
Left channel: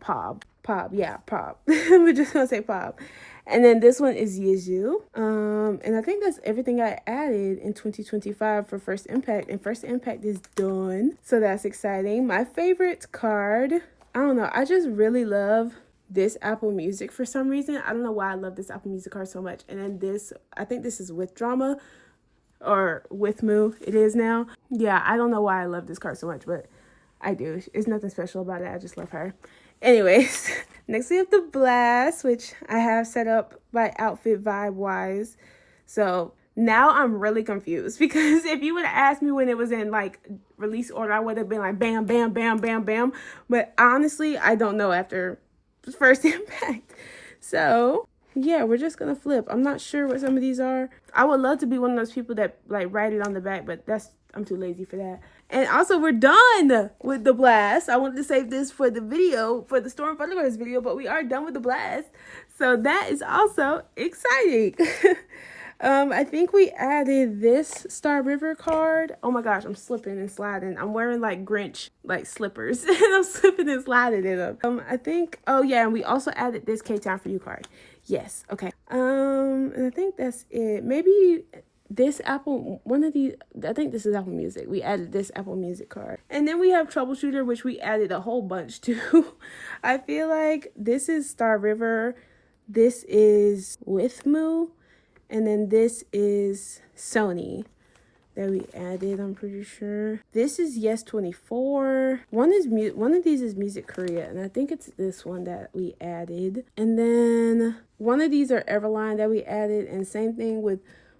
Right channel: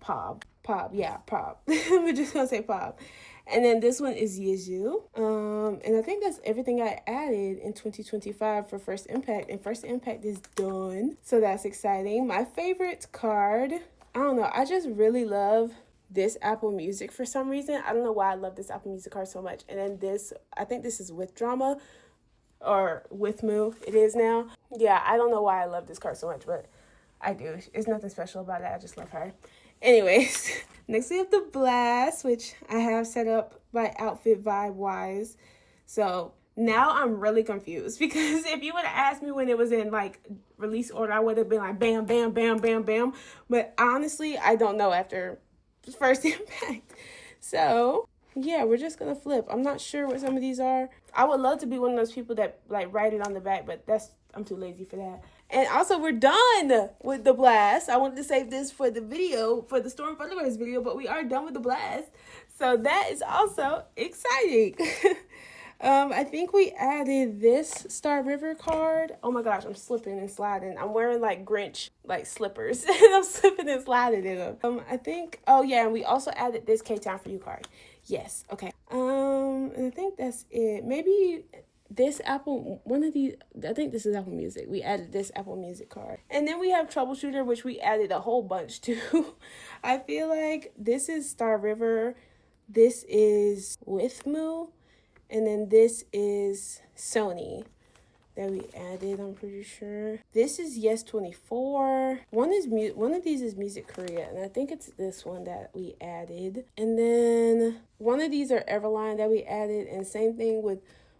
pop. We're just gonna say pop. And then this one is Jiyu. And I think that's everything I added in 2025 for First Impact. And First Impact is done. So that's exciting. My favorite card, I don't know. I just really love this Apple Music for some reason. I don't know why I love this Apple Music card so much. And then this, I think this is With Drama or With Moo. It is now. Yeah, I don't know why I love this card so much, but I do. It's nothing special about it. I just love her. Anyways, next we have the Blast, which I have set up by outfit vibe wise. So now I'm really confused, because if you would have asked me when it was in like release order, I would have been like bam, bam, bam, bam, bam. But honestly, I don't know after First Impact. So yeah, we're just gonna flip. I'm not sure what some of these are. I would love to be one of those people that like write it on the back, but I'm too lazy for that. And also, we're done with the Blast. I wanted to save this for the video, for the Storm Thunderverse video, but we are done with the Blast. So that is also exciting. I think we added this Star River card. Oh my gosh, I'm slipping and sliding. I'm wearing like Grinch like slippers and I'm slipping and sliding in them. I think, oh yeah, and we also added this K-Town for You card. Yes, okay. And I think that's it. Maybe this Apple, one of these, I think this is Apple Music. We added this Apple Music card. And then we have Troubleshooter, which we added a whole bunch to. I feel like this is Star River. This is Withmu. And then this is Sony that we added, I'm pretty sure. This is Yes24. One of these is Music Korea, and I think it's this one that we added. And then one of these are Everline that we added, and same thing with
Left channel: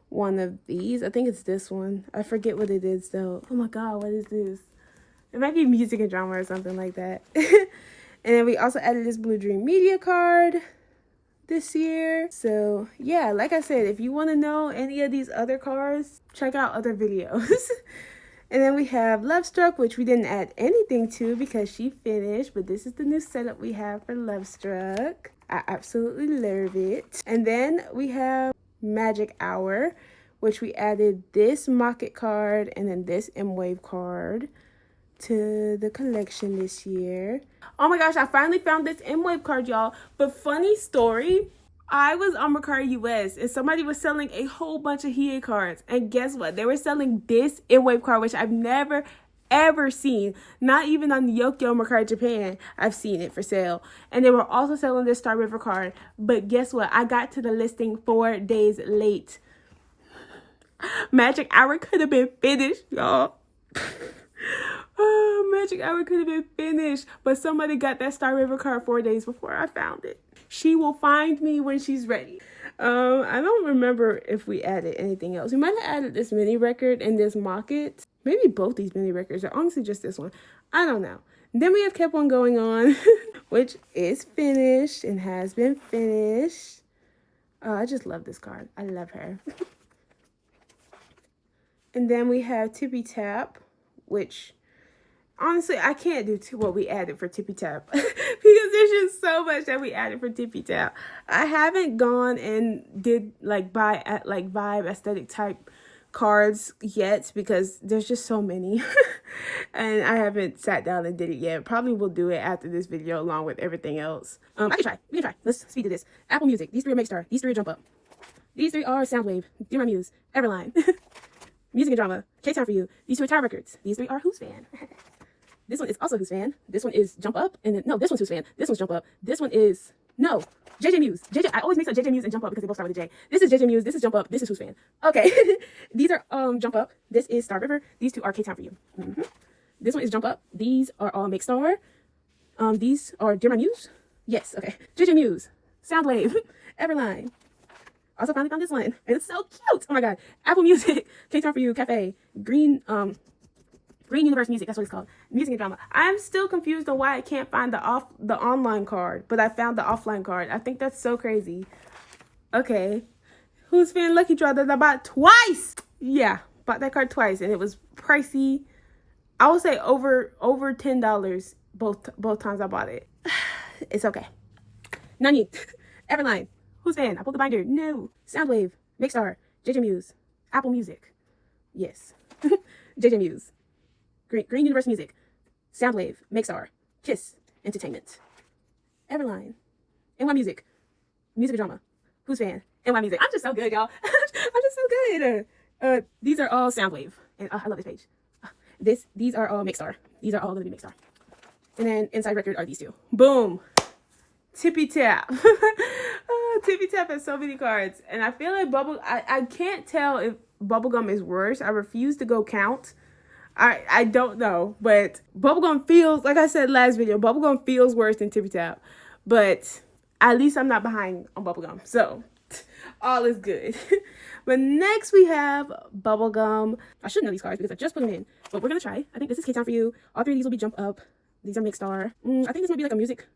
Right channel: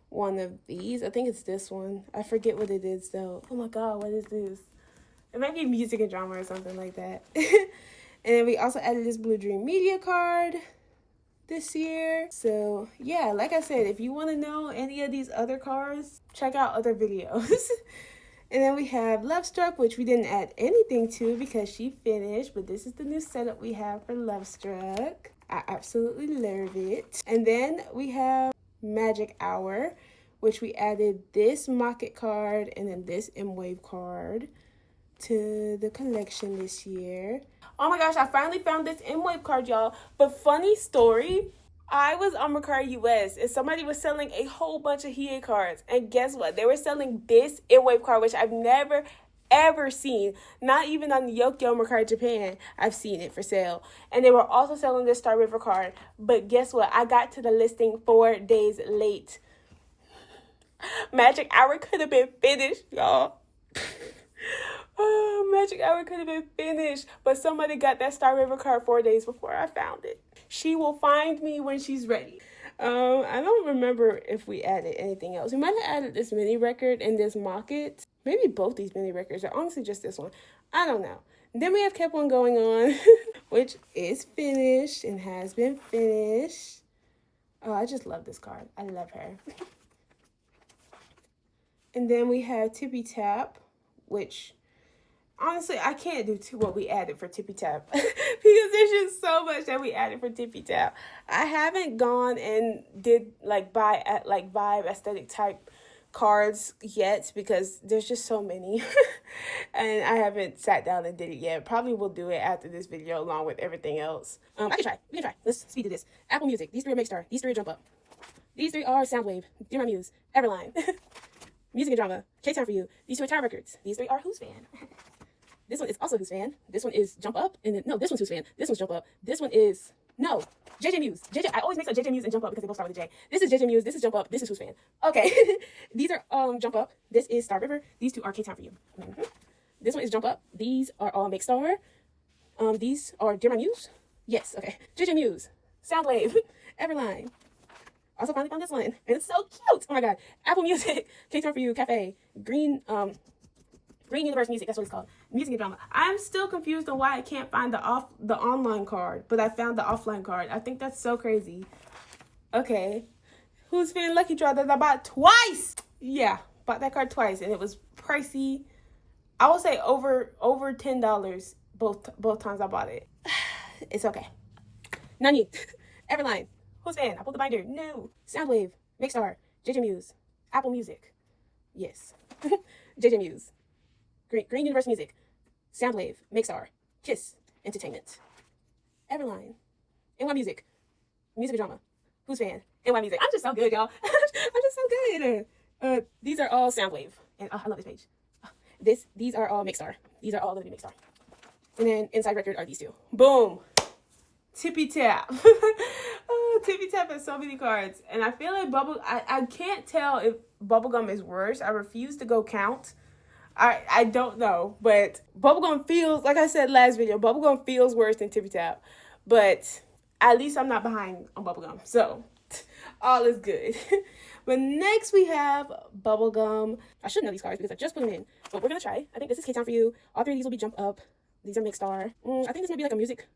one of these. I think it's this one. I forget what it is though. Oh my god, what is this? It might be Music and Drama or something like that. And then we also added this Blue Dream Media card this year. So yeah, like I said, if you want to know any of these other cards, check out other videos. And then we have Love Struck, which we didn't add anything to because she finished, but this is the new setup we have for Love Struck. I absolutely love it. And then we have Magic Hour, which we added this Mocket card and then this wayv card to the collection this year. Oh my gosh, I finally found this wayv card, y'all. But funny story, I was on Mercari US and somebody was selling a whole bunch of hiyyih cards. And guess what? They were selling this wayv card, which I've never ever seen. Not even on Yokyo Mercari Japan, I've seen it for sale. And they were also selling this Star River card. But guess what? I got to the listing 4 days late. Magic Hour could have been finished, y'all. Oh, Magic Hour could have been finished. But somebody got that Star River card 4 days before I found it. She will find me when she's ready. I don't remember if we added anything else. We might have added this mini record and this Mocket. Maybe both these mini records, or honestly just this one. I don't know. Then we have kep1er going on, which is finished and has been finished. Oh, I just love this card. I love her. And then we have Tippy Tap, which honestly, I can't do what we added for Tippy Tap because there's just so much that we added for Tippy Tap. I haven't gone and did buy at wayv aesthetic type cards yet because there's just so many and I haven't sat down and did it yet. Probably will do it after this video along with everything else. We can try. Let's speed to this. Apple Music, these 3 are Make Star, these 3 are Jump Up, these 3 are Soundwave, Dear My Muse, Everline, Music and Drama, K-Time For You, these 2 are Tower Records, these 3 are Who's Fan. This one is also Who's Fan, this one is Jump Up, and then no, this one's Who's Fan, this one's Jump Up, this one is no, JJ Muse. I always mix up JJ Muse and Jump Up because they both start with a J. This is JJ Muse, this is Jump Up, this is Who's Fan. Okay, these are Jump Up, this is Star River, these 2 are K-Time For You. This one is Jump Up, these are all Make Star. These are Dear My Muse. Yes, okay. JJ Muse, Soundwave, Everline. Also finally found this one, and it's so cute. Oh my god. Apple Music, K-Time For You, Cafe, Green Universe Music, that's what it's called. Music and Drama. I'm still confused on why I can't find the online card, but I found the offline card. I think that's so crazy. Okay. Who's Fan Lucky Draw that I bought twice? Yeah, bought that card twice, and it was pricey. I would say over $10 both times I bought it. It's okay. Ningning, Everline, Who's Fan? I pulled the binder. No. Soundwave, Make Star, JJ Muse, Apple Music. Yes. JJ Muse. Green Universe Music, Soundwave, Make Star, Kiss, Entertainment, Everline, NY Music, Music and Drama, Who's Fan, NY Music. I'm just so good, y'all. I'm just so good. These are all Soundwave, and I love this page. These are all Make Star. These are all going to be Make Star. And then inside record are these 2. Boom. Tippy Tap. Tippy Tap has so many cards, and I feel like I can't tell if Bubblegum is worse. I refuse to go count. I don't know, but Bubblegum feels, like I said last video, Bubblegum feels worse than Tippy Tap, but at least I'm not behind on Bubblegum, so all is good. But next we have Bubblegum. I should know these cards because I just put them in, but we're gonna try. I think this is K-Time For You. All 3 of these will be Jump Up. These are Make Star. I think this might be like a music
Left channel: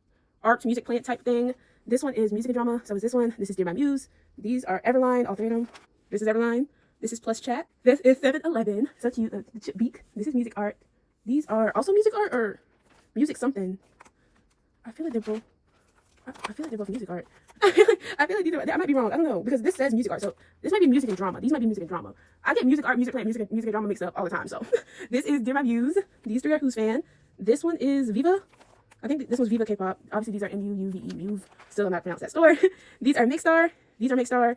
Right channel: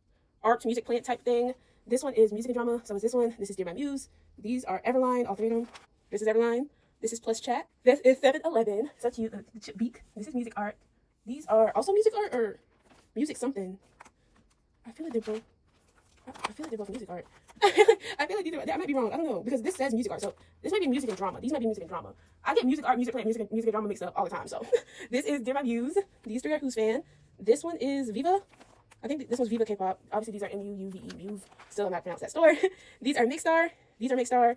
plant type thing. This one is Music and Drama, so is this one. This is Dear My Muse. These are Everline, all 3 of them. This is Everline. This is Plus Chat. This is 7-Eleven. So cute. The chip beak. This is Music Art. These are also Music Art or Music something. I feel like they're both Music Art. I feel like these are, I might be wrong. I don't know because this says Music Art. So this might be Music and Drama. These might be Music and Drama. I get Music Art, Music Plant, Music and Drama mixed up all the time. So this is Dear My Muse. These 3 are Who's Fan. This one is Viva. I think this one's Viva K-pop. Obviously these are MUVE. Still I'm not pronounced that store. These are Make Star. These are Make Star.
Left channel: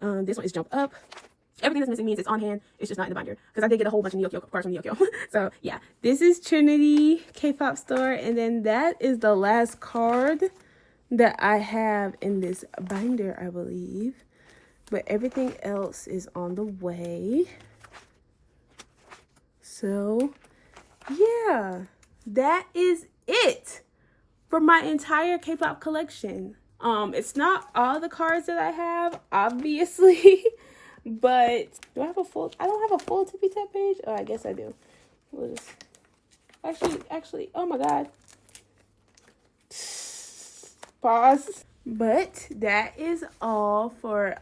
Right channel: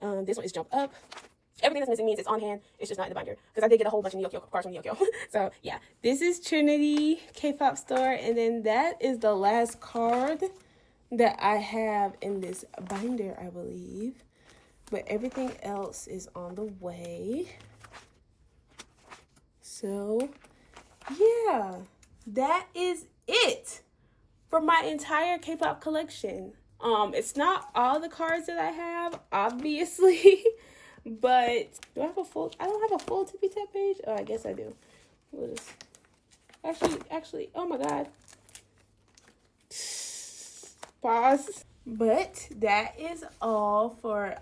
This one is Jump Up. Everything that's missing means it's on hand. It's just not in the binder. Because I did get a whole bunch of Nyokyo cards from Nyokyo. So, yeah. This is Trinity K-pop store. And then that is the last card that I have in this binder, I believe. But everything else is on the way. So, yeah. That is it for my entire K-pop collection. It's not all the cards that I have, obviously. But do I have a full? I don't have a full tippy tap page. Oh, I guess I do. We'll just actually. Oh my god. Pause. But that is all for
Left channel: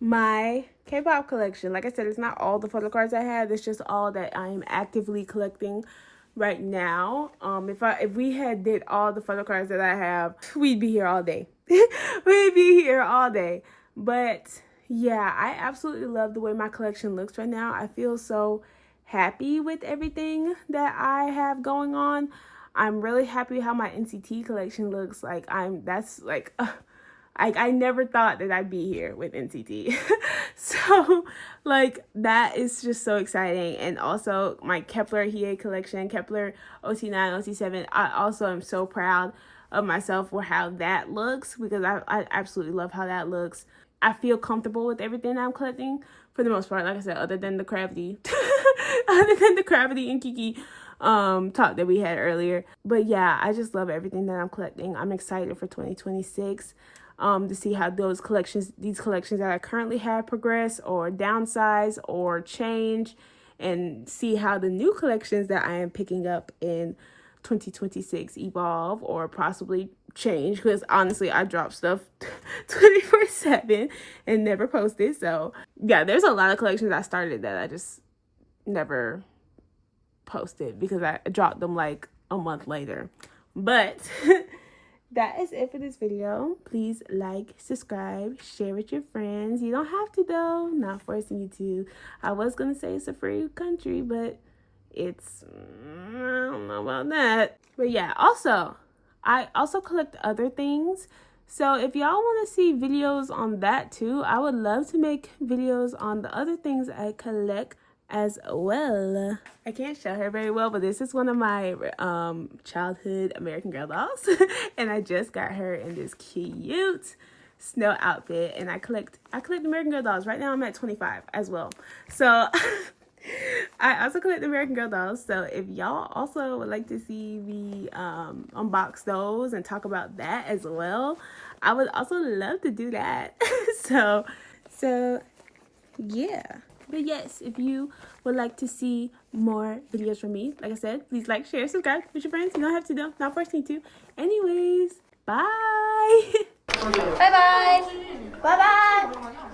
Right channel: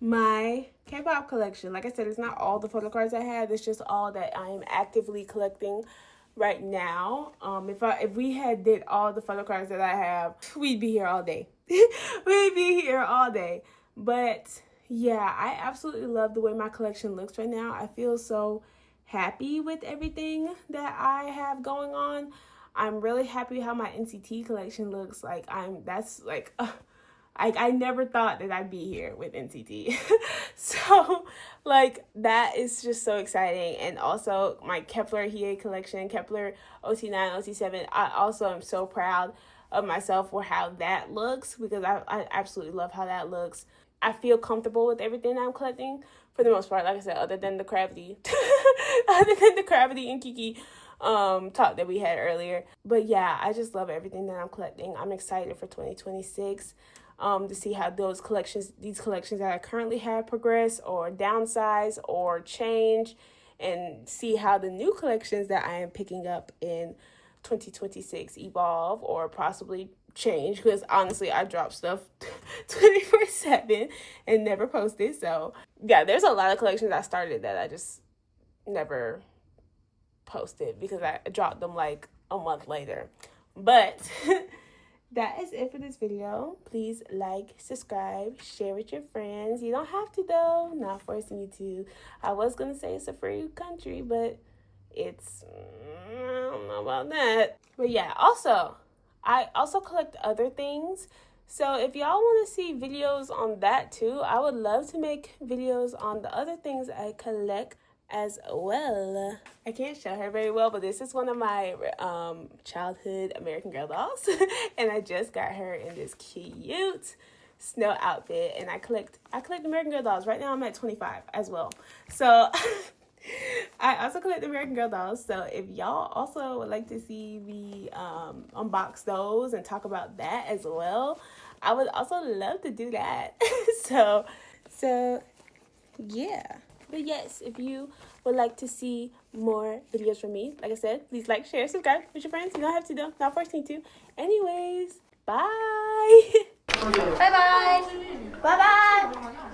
my K-pop collection. Like I said, it's not all the photo cards I have. It's just all that I am actively collecting right now. If we had did all the photo cards that I have, we'd be here all day. We'd be here all day. But yeah, I absolutely love the way my collection looks right now. I feel so happy with everything that I have going on. I'm really happy how my NCT collection looks. Like I never thought that I'd be here with NCT. So like that is just so exciting. And also my kep1er hiyyih collection, kep1er OT9, OT7. I also am so proud of myself for how that looks, because I absolutely love how that looks. I feel comfortable with everything I'm collecting for the most part, like I said, other than the cravity. Other than the cravity and kiiikiii talk that we had earlier. But yeah, I just love everything that I'm collecting. I'm excited for 2026 to see how these collections that I currently have progress or downsize or change, and see how the new collections that I am picking up in 2026 evolve or possibly change, because honestly I drop stuff 24/7 and never post it. So yeah, there's a lot of collections I started that I just never posted because I dropped them like a month later. But that is it for this video. Please like, subscribe, share with your friends. You don't have to though, not forcing you to. I was gonna say it's a free country, but it's, I don't know about that. But yeah, I also collect other things. So if y'all want to see videos on that too, I would love to make videos on the other things I collect as well. I can't show her very well, but this is one of my childhood American Girl dolls. And I just got her in this cute snow outfit. And I collect American Girl dolls. Right now I'm at 25 as well. So I also collect American Girl dolls, so if y'all also would like to see me unbox those and talk about that as well, I would also love to do that. so yeah. But yes, if you would like to see more videos from me, like I said, please like, share, subscribe with your friends. You don't have to though, not forcing you to. Anyways, bye. Bye bye. Bye bye.